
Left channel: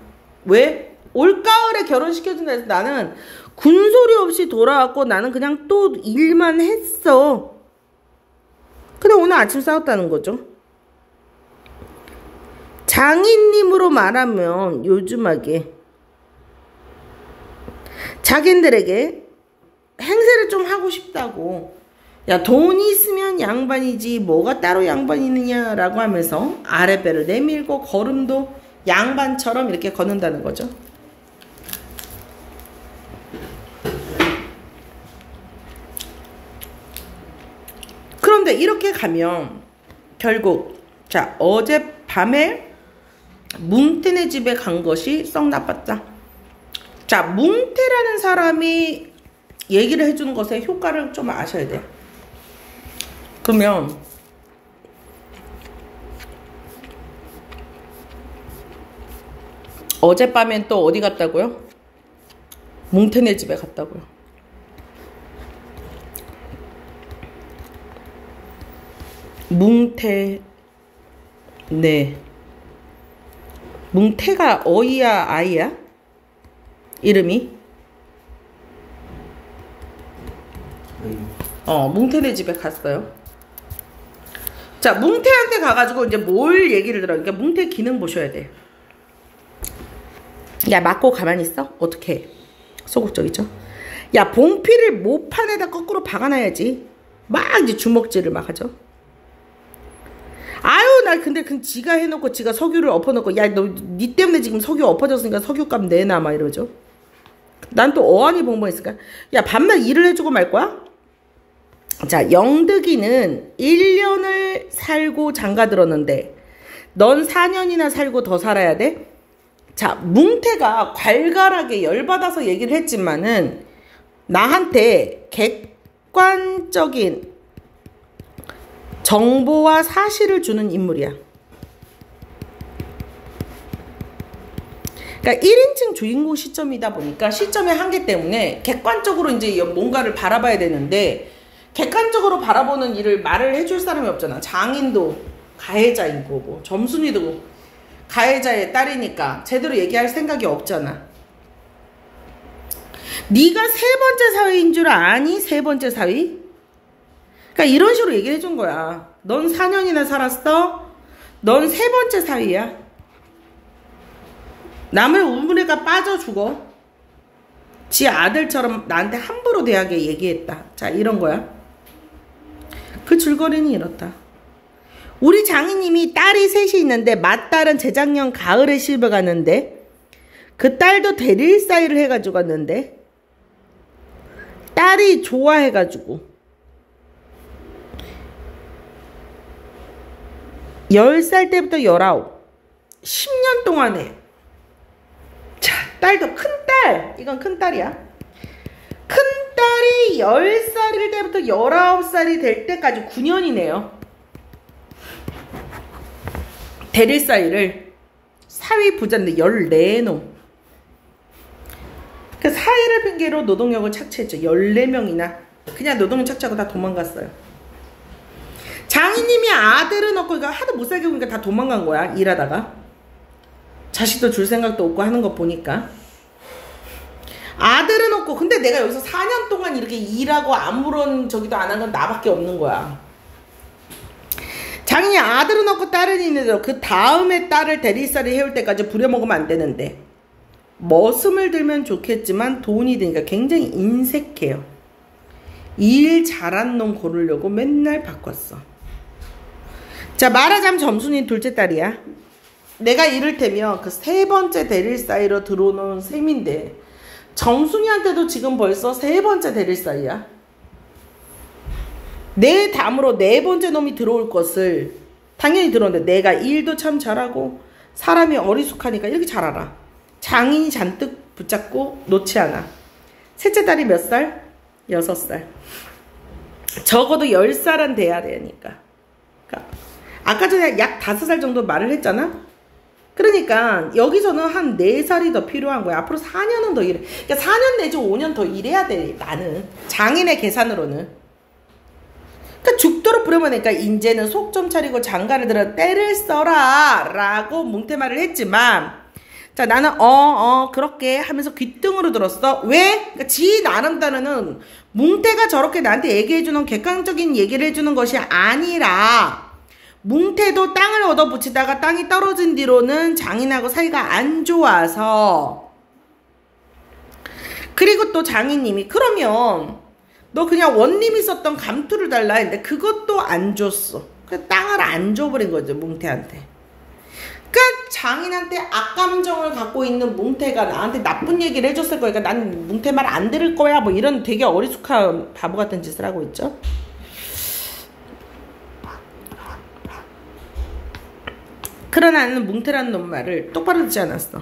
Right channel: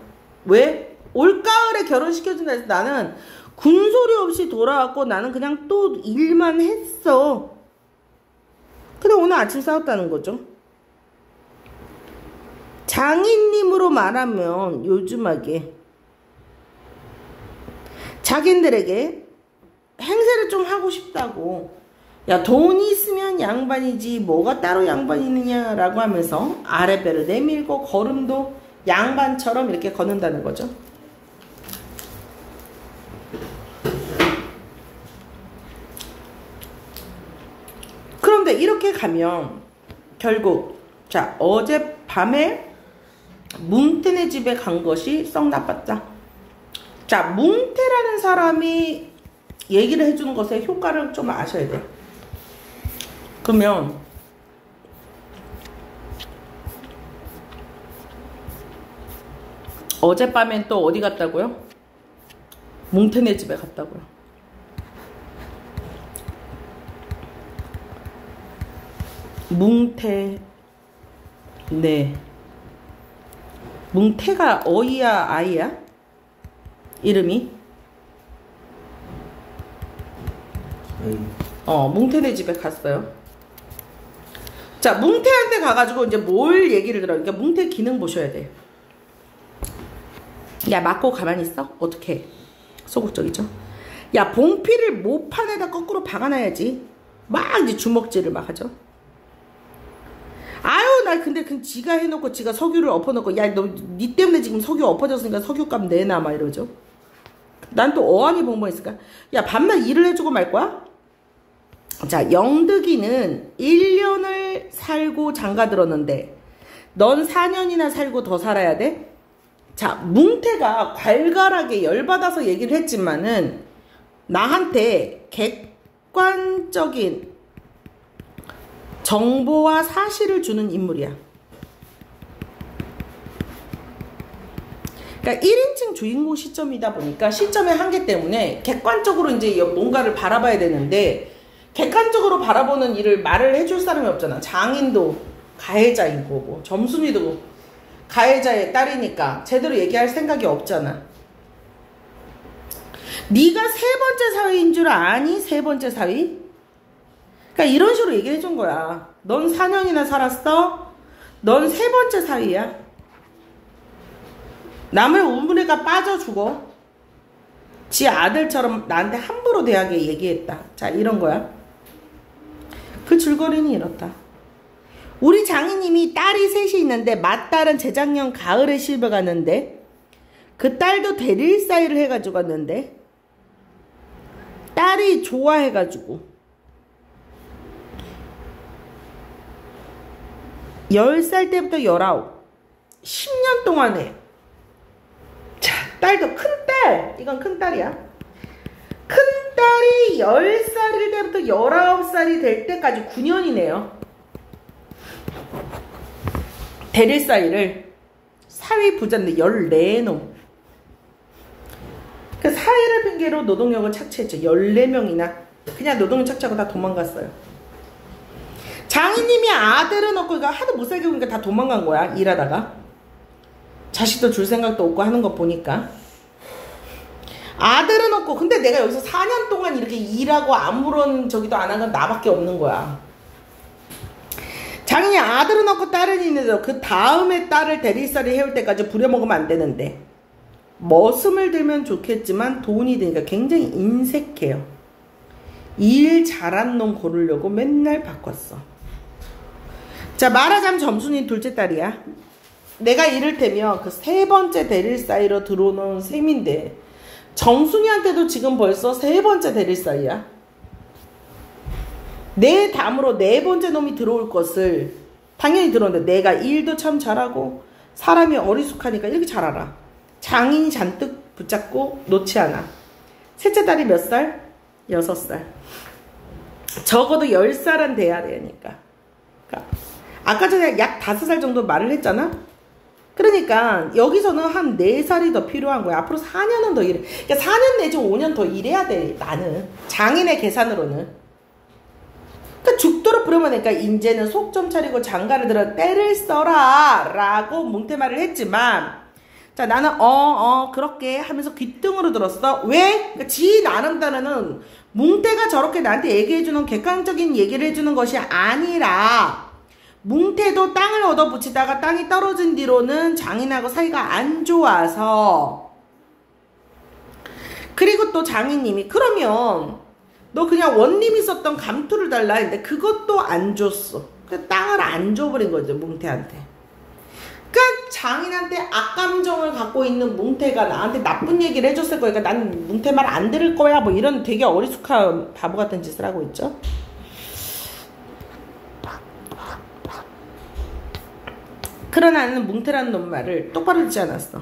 왜? 올가을에 결혼시켜준다 해서 나는 군소리 없이 돌아왔고 나는 그냥 또 일만 했어. 근데 오늘 아침 싸웠다는 거죠. 장인님으로 말하면 요즘하게 자기들에게 행세를 좀 하고 싶다고. 야 돈이 있으면 양반이지 뭐가 따로 양반이느냐 라고 하면서 아랫배를 내밀고 걸음도 양반처럼 이렇게 걷는다는 거죠. 그런데 이렇게 가면 결국 자 어젯밤에 뭉태네 집에 간 것이 썩 나빴다. 자 뭉태라는 사람이 얘기를 해주는 것의 효과를 좀 아셔야 돼요. 그러면 어젯밤엔 또 어디 갔다고요? 뭉태네 집에 갔다고요. 뭉태 네 뭉태가 어이야 아이야? 이름이? 뭉태네 집에 갔어요. 자 뭉태한테 가가지고 이제 뭘 얘기를 들어요. 그러니까 뭉태 기능 보셔야 돼. 야 맞고 가만히 있어? 어떻게 소극적이죠? 야 봉피를 모판에다 거꾸로 박아놔야지. 막 이제 주먹질을 막 하죠. 아유 나 근데 그 지가 해놓고 지가 석유를 엎어놓고 야 너 니 때문에 지금 석유 엎어졌으니까 석유값 내놔 막 이러죠. 난 또 어안이 벙벙했을까? 야 밤낮 일을 해주고 말 거야? 자 영득이는 1년을 살고 장가들었는데 넌 4년이나 살고 더 살아야 돼? 자 뭉태가 괄괄하게 열받아서 얘기를 했지만은 나한테 객관적인 정보와 사실을 주는 인물이야. 그러니까 1인칭 주인공 시점이다 보니까 시점의 한계 때문에 객관적으로 이제 뭔가를 바라봐야 되는데 객관적으로 바라보는 일을 말을 해줄 사람이 없잖아. 장인도 가해자이고 뭐 점순이도 가해자의 딸이니까 제대로 얘기할 생각이 없잖아. 네가 세 번째 사위인 줄 아니? 세 번째 사위? 그러니까 이런 식으로 얘기를 해준 거야. 넌 4년이나 살았어? 넌 세 번째 사위야. 남의 우물에가 빠져 죽어. 지 아들처럼 나한테 함부로 대하게 얘기했다. 자 이런 거야. 그 줄거리는 이렇다. 우리 장인님이 딸이 셋이 있는데 맏딸은 재작년 가을에 시집을 갔는데 그 딸도 대릴사이를 해가지고 갔는데 딸이 좋아해가지고 10살 때부터 19 10년 동안에 자 딸도 큰딸 이건 큰딸이야. 큰딸이 10살일 때부터 19살이 될 때까지 9년이네요. 대릴사이를 사위 부자인데 14놈. 그 사위를 핑계로 노동력을 착취했죠. 14명이나 그냥 노동력 착취하고 다 도망갔어요. 장인님이 아들은 없고 이거 하도 못 살게 보니까 다 도망간 거야. 일하다가. 자식도 줄 생각도 없고 하는 거 보니까. 아들은 없고 근데 내가 여기서 4년 동안 이렇게 일하고 아무런 저기도 안 한 건 나밖에 없는 거야. 장인이 아들은 없고 딸은 있는데 그 다음에 딸을 대리살이 해올 때까지 부려먹으면 안 되는데 머슴을 들면 좋겠지만 돈이 드니까 굉장히 인색해요. 일 잘한 놈 고르려고 맨날 바꿨어. 자, 말하자면 점순이 둘째 딸이야. 내가 이를테면 그 세 번째 대릴 사이로 들어오는 셈인데 정순이한테도 지금 벌써 세 번째 대릴 사이야. 내 다음으로 네 번째 놈이 들어올 것을 당연히 들어오는데 내가 일도 참 잘하고 사람이 어리숙하니까 이렇게 잘 알아. 장인이 잔뜩 붙잡고 놓지 않아. 셋째 딸이 몇 살? 6살. 적어도 10살은 돼야 되니까. 그러니까 아까 전에 약 5살 정도 말을 했잖아? 그러니까 여기서는 한 4살이 더 필요한 거야. 앞으로 4년은 더 일해. 그러니까 4년 내지 5년 더 일해야 돼. 나는. 장인의 계산으로는. 그러니까 죽도록 부려먹으니까 이제는 속 좀 차리고 장가를 들어 때를 써라 라고 뭉태말을 했지만 자 나는 그렇게 하면서 귓등으로 들었어. 왜? 그러니까 지 나름 따르는 뭉태가 저렇게 나한테 얘기해주는 객관적인 얘기를 해주는 것이 아니라 뭉태도 땅을 얻어붙이다가 땅이 떨어진 뒤로는 장인하고 사이가 안 좋아서 그리고 또 장인님이 그러면 너 그냥 원님이 썼던 감투를 달라 했는데 그것도 안 줬어. 그 땅을 안 줘버린 거죠 뭉태한테. 그러니까 장인한테 악감정을 갖고 있는 뭉태가 나한테 나쁜 얘기를 해줬을 거니까 난 뭉태 말 안 들을 거야 뭐 이런 되게 어리숙한 바보 같은 짓을 하고 있죠. 그러나 나는 뭉태라는 놈 말을 똑바로 듣지 않았어.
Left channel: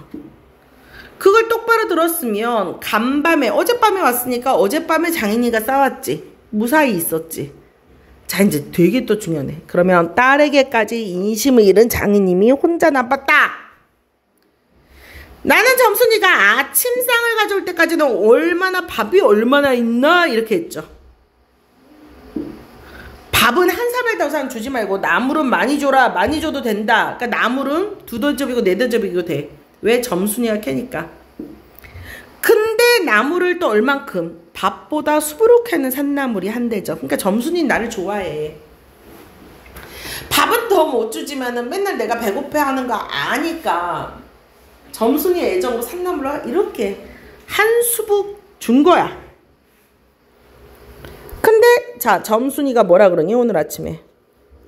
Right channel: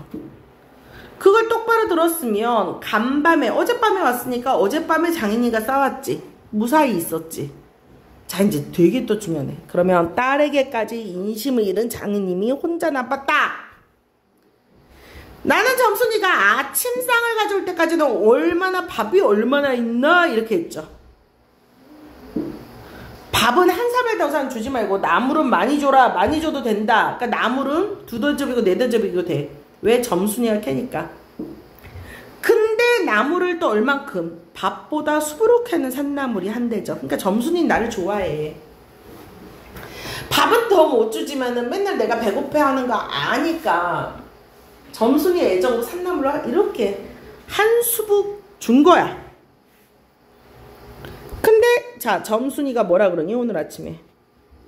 그걸 똑바로 들었으면 간밤에 어젯밤에 왔으니까 어젯밤에 장인이가 싸웠지. 무사히 있었지. 자 이제 되게 또 중요해. 그러면 딸에게까지 인심을 잃은 장인님이 혼자 나빴다. 나는 점순이가 아침상을 가져올 때까지는 밥이 얼마나 있나 이렇게 했죠. 밥은 한 사발 더 이상 주지 말고 나물은 많이 줘라. 많이 줘도 된다. 그러니까 나물은 2던접이고 4던접이고 돼. 왜? 점순이가 캐니까. 근데 나물을 또 얼만큼? 밥보다 수부룩해는 산나물이 한 대죠. 그러니까 점순이는 나를 좋아해. 밥은 더 못 주지만은 맨날 내가 배고파하는 거 아니까 점순이 애정으로 산나물을 이렇게 한 수북 준 거야. 근데 자 점순이가 뭐라 그러니 오늘 아침에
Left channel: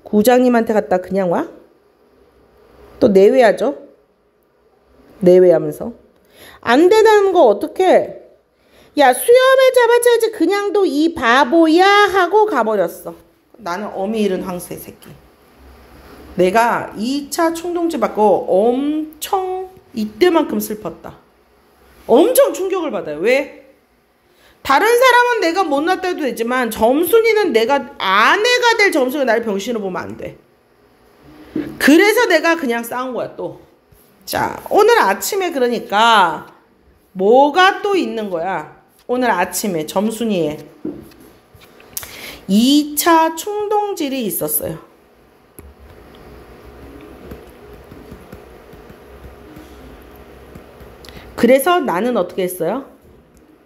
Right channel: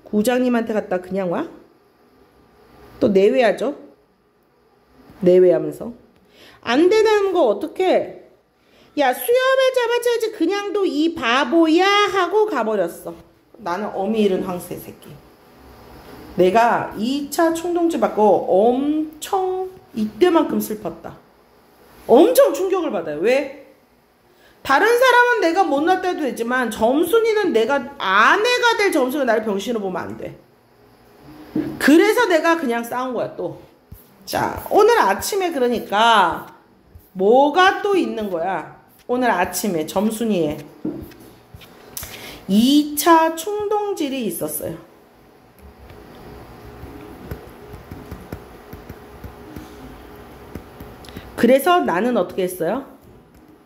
구장님한테 갔다 그냥 와? 또 내외하죠? 내외하면서 안 된다는 거 어떡해? 야 수염을 잡아줘야지 그냥도 이 바보야 하고 가버렸어. 나는 어미 잃은 황새 새끼. 내가 2차 충동지 받고 엄청 이때만큼 슬펐다. 엄청 충격을 받아요. 왜? 다른 사람은 내가 못날 때도 되지만 점순이는 내가 아내가 될 점순이가 나를 병신으로 보면 안 돼. 그래서 내가 그냥 싸운 거야 또. 자 오늘 아침에 그러니까 뭐가 또 있는 거야. 오늘 아침에 점순이에 2차 충동질이 있었어요. 그래서 나는 어떻게 했어요?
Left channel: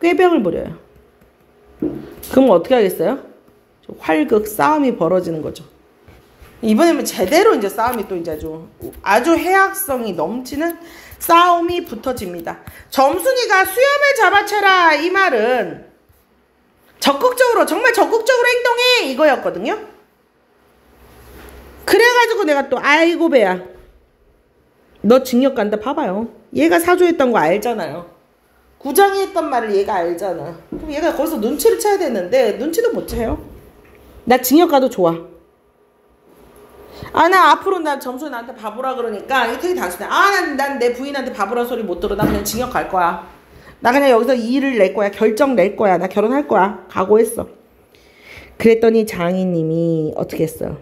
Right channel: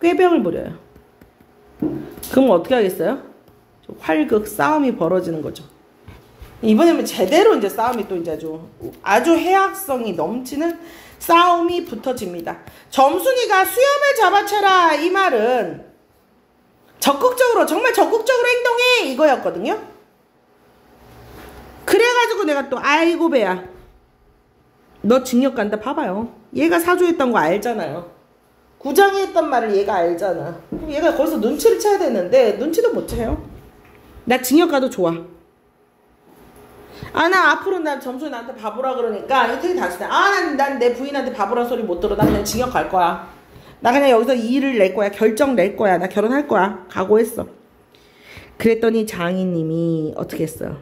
꾀병을 부려요. 그럼 어떻게 하겠어요? 활극 싸움이 벌어지는 거죠. 이번에는 제대로 이제 싸움이 또 이제 아주 해악성이 넘치는 싸움이 붙어집니다. 점순이가 수염을 잡아채라 이 말은 적극적으로 정말 적극적으로 행동해 이거였거든요. 그래가지고 내가 또 아이고 배야 너 징역 간다. 봐봐요. 얘가 사주했던 거 알잖아요. 구장이 했던 말을 얘가 알잖아. 그럼 얘가 거기서 눈치를 채야 되는데 눈치를 못 채요. 나 징역 가도 좋아. 아 나 앞으로 난 점순이 나한테 바보라 그러니까 이게 되게 단순해. 아 난 내 부인한테 바보라 소리 못 들어. 나 그냥 징역 갈 거야. 나 그냥 여기서 일을 낼 거야. 결정 낼 거야. 나 결혼할 거야. 각오했어. 그랬더니 장인님이 어떻게 했어요?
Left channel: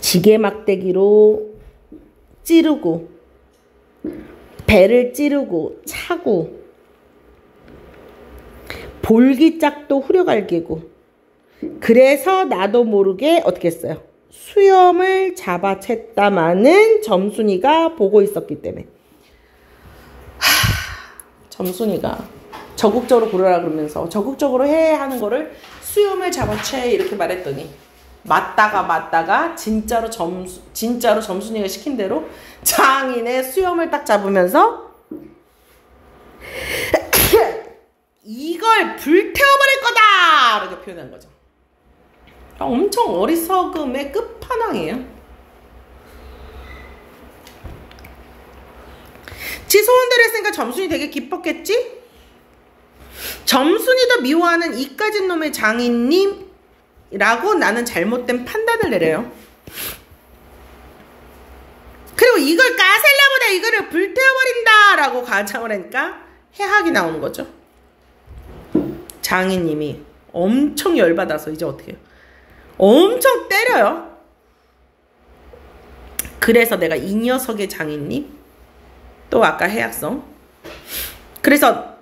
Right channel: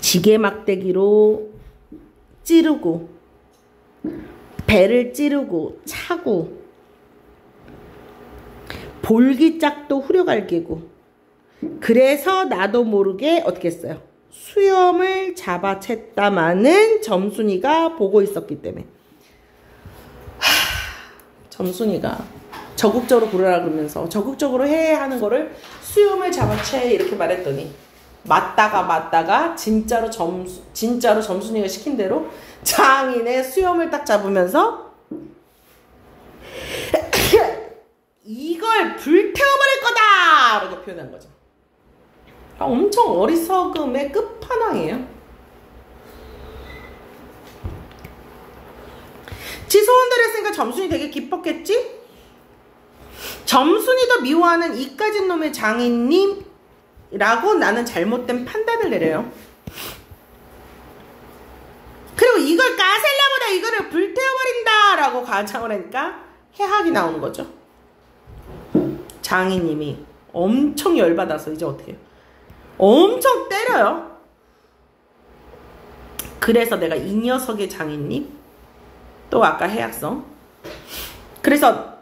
지게 막대기로 찌르고 배를 찌르고 차고 볼기짝도 후려갈기고 그래서 나도 모르게 어떻게 했어요? 수염을 잡아챘다마는 점순이가 보고 있었기 때문에. 점순이가 적극적으로 고르라 그러면서 적극적으로 해 하는 거를 수염을 잡아채 이렇게 말했더니 맞다가 진짜로 점순이가 시킨 대로 장인의 수염을 딱 잡으면서 이걸 불태워버릴 거다! 이렇게 표현한 거죠. 엄청 어리석음의 끝판왕이에요. 지 소원대로 했으니까 점순이 되게 기뻤겠지? 점순이도 미워하는 이까진 놈의 장인님이라고 나는 잘못된 판단을 내려요. 그리고 이걸 까셀라보다 이거를 불태워버린다 라고 가정을 하니까 해학이 나오는 거죠. 장인님이 엄청 열받아서 이제 어떻게 해요? 엄청 때려요. 그래서 내가 이 녀석의 장인님 또 아까 해학성 그래서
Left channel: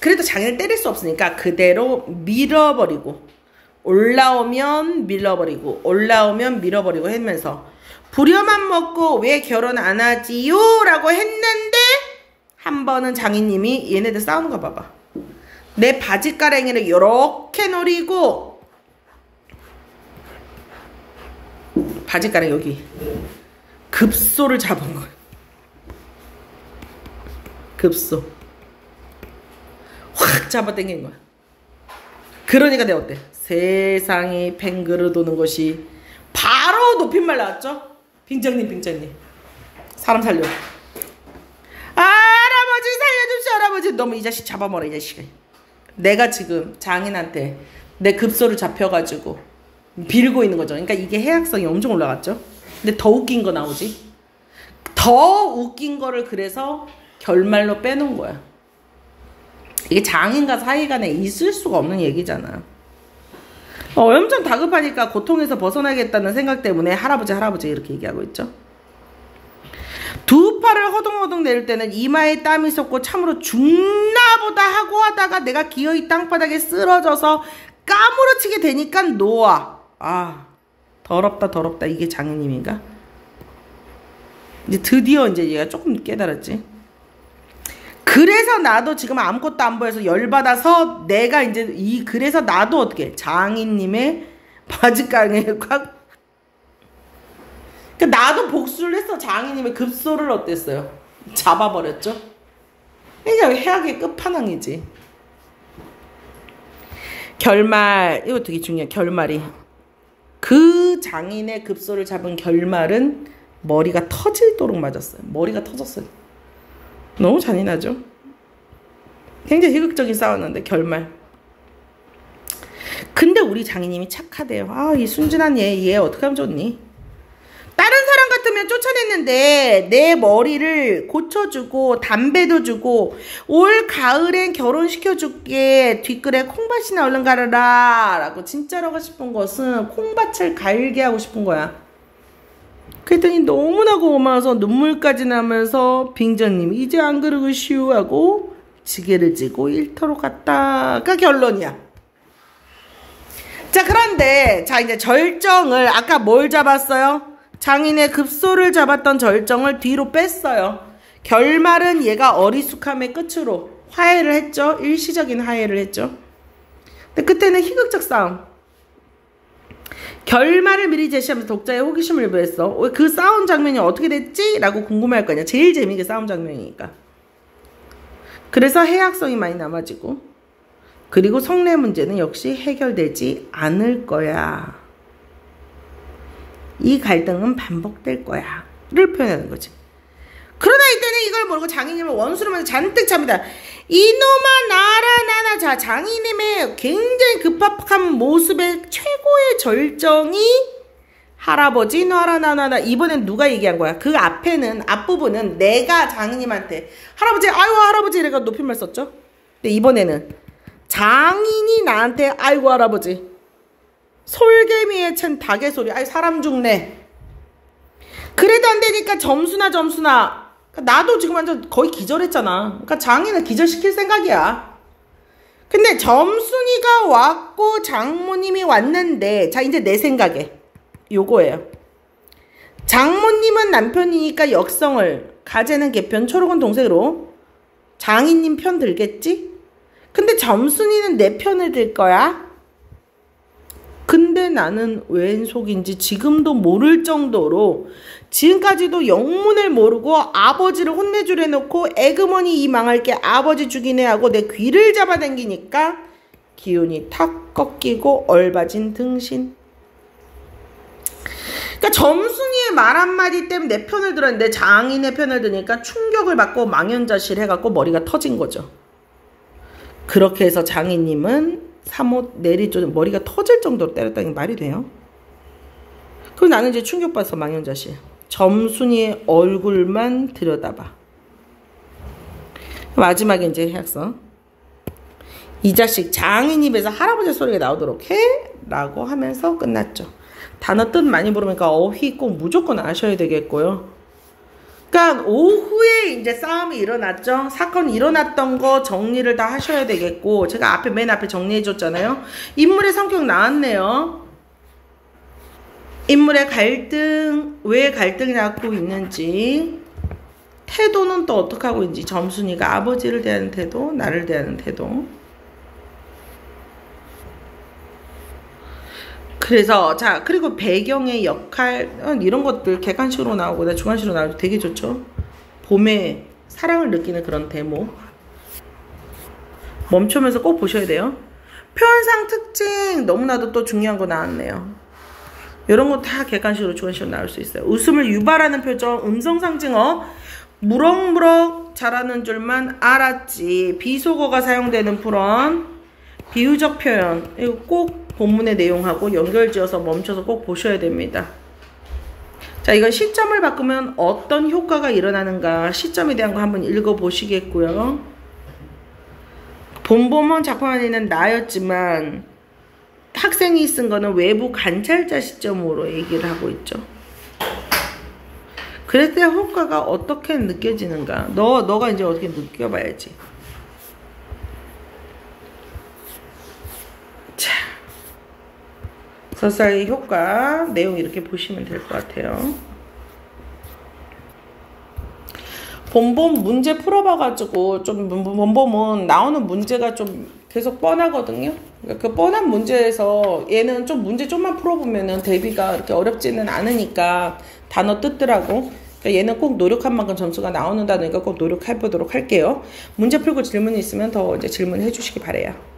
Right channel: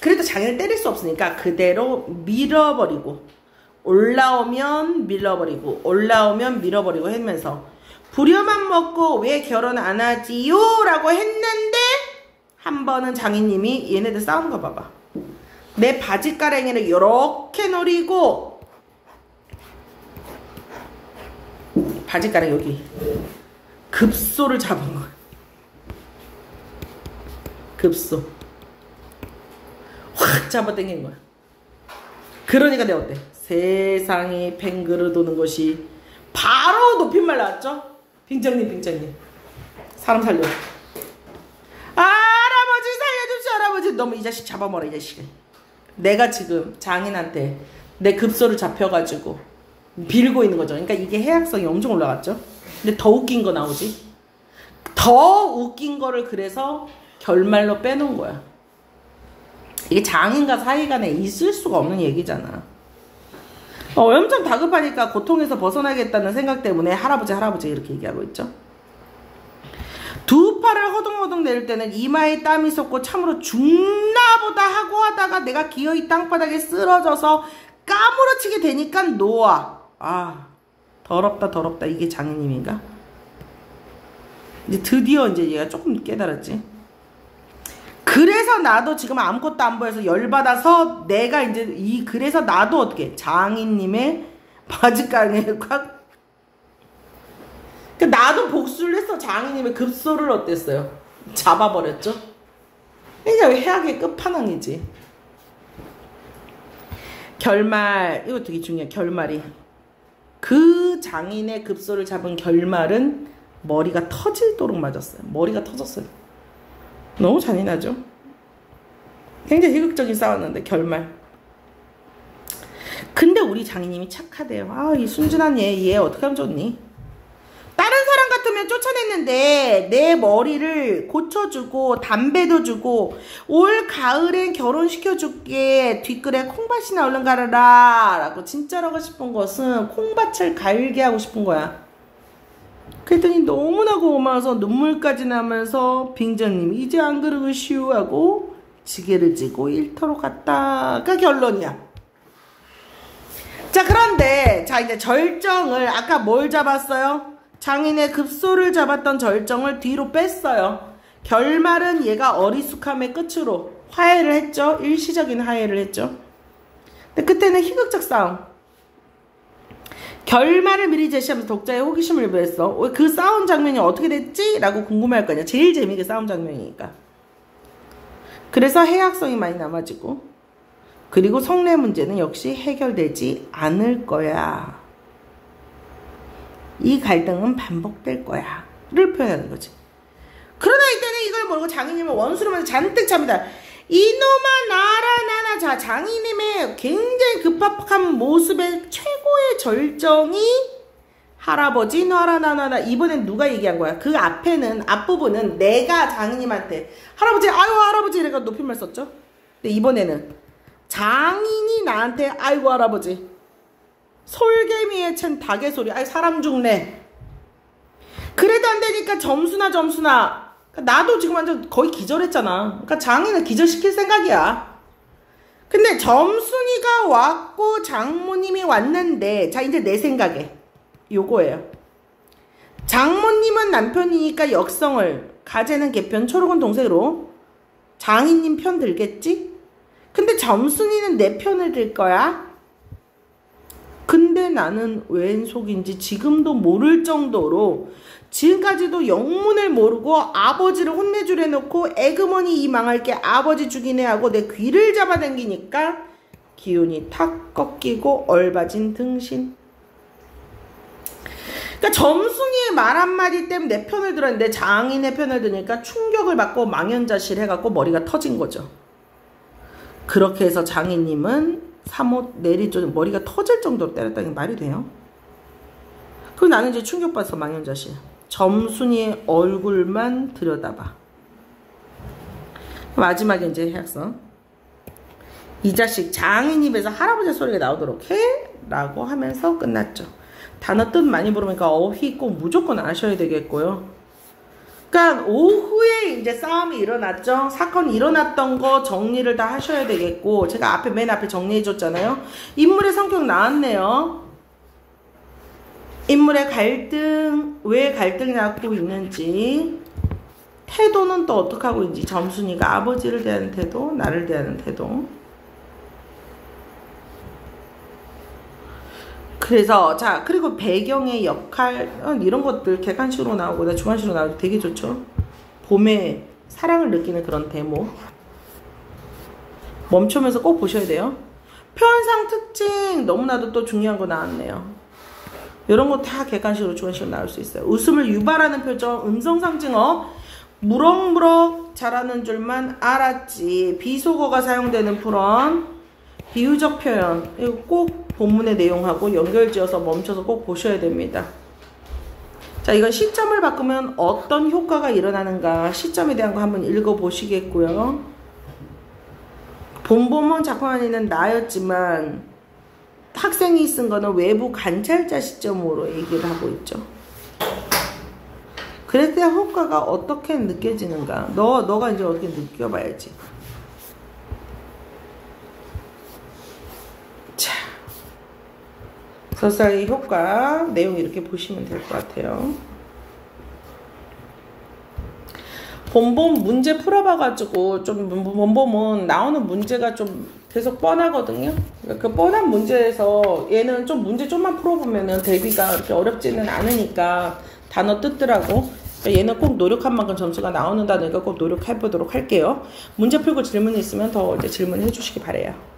그래도 장인을 때릴 수 없으니까 그대로 밀어버리고 올라오면 밀어버리고 올라오면 밀어버리고 하면서 부려만 먹고 왜 결혼 안 하지요? 라고 했는데 한 번은 장인님이 얘네들 싸우는 거 봐봐. 내 바지가랭이를 요렇게 노리고 바지가랭이 여기 급소를 잡은 거야. 급소 확 잡아당긴 거야. 그러니까 내가 어때? 세상이 팽그르 도는 것이 바로 높임말 나왔죠? 빙장님 사람 살려. 할아버지 살려줍시오. 할아버지 너무 이 자식 잡아먹어라 이 자식아. 내가 지금 장인한테 내 급소를 잡혀가지고 빌고 있는 거죠. 그러니까 이게 해악성이 엄청 올라갔죠. 근데 더 웃긴 거 나오지. 더 웃긴 거를 그래서 결말로 빼놓은 거야. 이게 장인과 사이 간에 있을 수가 없는 얘기잖아. 엄청 다급하니까 고통에서 벗어나겠다는 생각 때문에 할아버지 이렇게 얘기하고 있죠. 두 팔을 허둥허둥 내릴 때는 이마에 땀이 솟고 참으로 죽나보다 하고 하다가 내가 기어이 땅바닥에 쓰러져서 까무러치게 되니까 놓아. 아 더럽다 이게 장인님인가? 이제 드디어 이제 얘가 조금 깨달았지. 그래서 나도 지금 아무것도 안 보여서 열받아서 내가 이제 그래서 나도 어떻게 장인님의 바지가랑이에 꽉 그러니까 나도 복수를 했어. 장인님의 급소를 어땠어요? 잡아버렸죠. 그러니까 해악의 끝판왕이지. 결말 이거 되게 중요해. 결말이 그 장인의 급소를 잡은 결말은 머리가 터질도록 맞았어요. 머리가 터졌어요. 너무 잔인하죠. 굉장히 희극적인 싸웠는데 결말. 근데 우리 장인님이 착하대요. 아 이 순진한 얘 어떻게 하면 좋니? 다른 사람 같으면 쫓아냈는데 내 머리를 고쳐주고 담배도 주고 올 가을엔 결혼시켜줄게 뒷글에 콩밭이나 얼른 가르라 라고 진짜로 하고 싶은 것은 콩밭을 갈게 하고 싶은 거야. 그랬더니 너무나 고마워서 눈물까지 나면서 빙장님 이제 안 그러시오 하고 지게를 지고 일터로 갔다가 결론이야. 자 그런데 자 이제 절정을 아까 뭘 잡았어요? 장인의 급소를 잡았던 절정을 뒤로 뺐어요. 결말은 얘가 어리숙함의 끝으로 화해를 했죠. 일시적인 화해를 했죠. 근데 그때는 희극적 싸움. 결말을 미리 제시하면서 독자의 호기심을 유발했어. 그 싸운 장면이 어떻게 됐지? 라고 궁금해할 거 아니야. 제일 재미있게 싸운 장면이니까. 그래서 해악성이 많이 남아지고 그리고 성내 문제는 역시 해결되지 않을 거야. 이 갈등은 반복될 거야 를 표현하는 거지. 그러나 이때는 이걸 모르고 장인님을 원수로만 잔뜩 잡니다. 이놈아 나라 자 장인님의 굉장히 급박한 모습의 최고의 절정이 할아버지 나라 나나 이번엔 누가 얘기한 거야? 그 앞에는 앞부분은 내가 장인님한테 할아버지 아이고 할아버지 이래가 높임말 썼죠. 근데 이번에는 장인이 나한테 아이고 할아버지 솔개미에 챈 닭의 소리 아이 사람 죽네. 그래도 안 되니까 점수나 나도 지금 완전 거의 기절했잖아. 그러니까 장인을 기절시킬 생각이야. 근데 점순이가 왔고 장모님이 왔는데, 자 이제 내 생각에 요거예요. 장모님은 남편이니까 역성을, 가재는 개편, 초록은 동생으로 장인님 편 들겠지? 근데 점순이는 내 편을 들 거야? 근데 나는 웬 속인지 지금도 모를 정도로, 지금까지도 영문을 모르고 아버지를 혼내주려 놓고 에그머니 이 망할 게 아버지 죽이네 하고 내 귀를 잡아당기니까 기운이 탁 꺾이고 얼바진 등신. 그러니까 점순이의 말 한마디 때문에 내 편을 들었는데 장인의 편을 드니까 충격을 받고 망연자실 해갖고 머리가 터진 거죠. 그렇게 해서 장인님은 사못 내리조 머리가 터질 정도로 때렸다는 게 말이 돼요? 그럼 나는 이제 충격받아서 망연자실. 점순이의 얼굴만 들여다봐. 마지막에 이제 해서 이 자식 장인 입에서 할아버지 소리가 나오도록 해? 라고 하면서 끝났죠. 단어 뜻 많이 모르니까 어휘 꼭 무조건 아셔야 되겠고요. 그러니까 오후에 이제 싸움이 일어났죠. 사건이 일어났던 거 정리를 다 하셔야 되겠고, 제가 맨 앞에 정리해 줬잖아요. 인물의 성격 나왔네요. 인물의 갈등, 왜 갈등이 나고 있는지, 태도는 또 어떻게 하고 있는지, 점순이가 아버지를 대하는 태도, 나를 대하는 태도. 그래서 자, 그리고 배경의 역할 이런 것들 객관식으로 나오고 주관식으로 나오고 되게 좋죠. 봄에 사랑을 느끼는 그런 대목 멈추면서 꼭 보셔야 돼요. 표현상 특징 너무나도 또 중요한 거 나왔네요. 이런 거 다 객관식으로 주관식으로 나올 수 있어요. 웃음을 유발하는 표정, 음성상징어, 무럭무럭 자라는 줄만 알았지, 비속어가 사용되는 풀언, 비유적 표현, 이거 꼭 본문의 내용하고 연결지어서 멈춰서 꼭 보셔야 됩니다. 자, 이건 시점을 바꾸면 어떤 효과가 일어나는가, 시점에 대한 거 한번 읽어보시겠고요. 본범원 작품 안에는 나였지만 학생이 쓴 거는 외부 관찰자 시점으로 얘기를 하고 있죠. 그럴 때 효과가 어떻게 느껴지는가, 너가 이제 어떻게 느껴봐야지. 자, 서사의 효과 내용 이렇게 보시면 될 것 같아요. 본범 문제 풀어봐가지고 좀 본범은 나오는 문제가 좀 계속 뻔하거든요. 그 뻔한 문제에서 얘는 좀 문제 좀만 풀어보면은 대비가 그렇게 어렵지는 않으니까 단어 뜻들하고, 얘는 꼭 노력한 만큼 점수가 나오는 단어니까 꼭 노력해보도록 할게요. 문제 풀고 질문이 있으면 더 이제 질문해 주시기 바래요.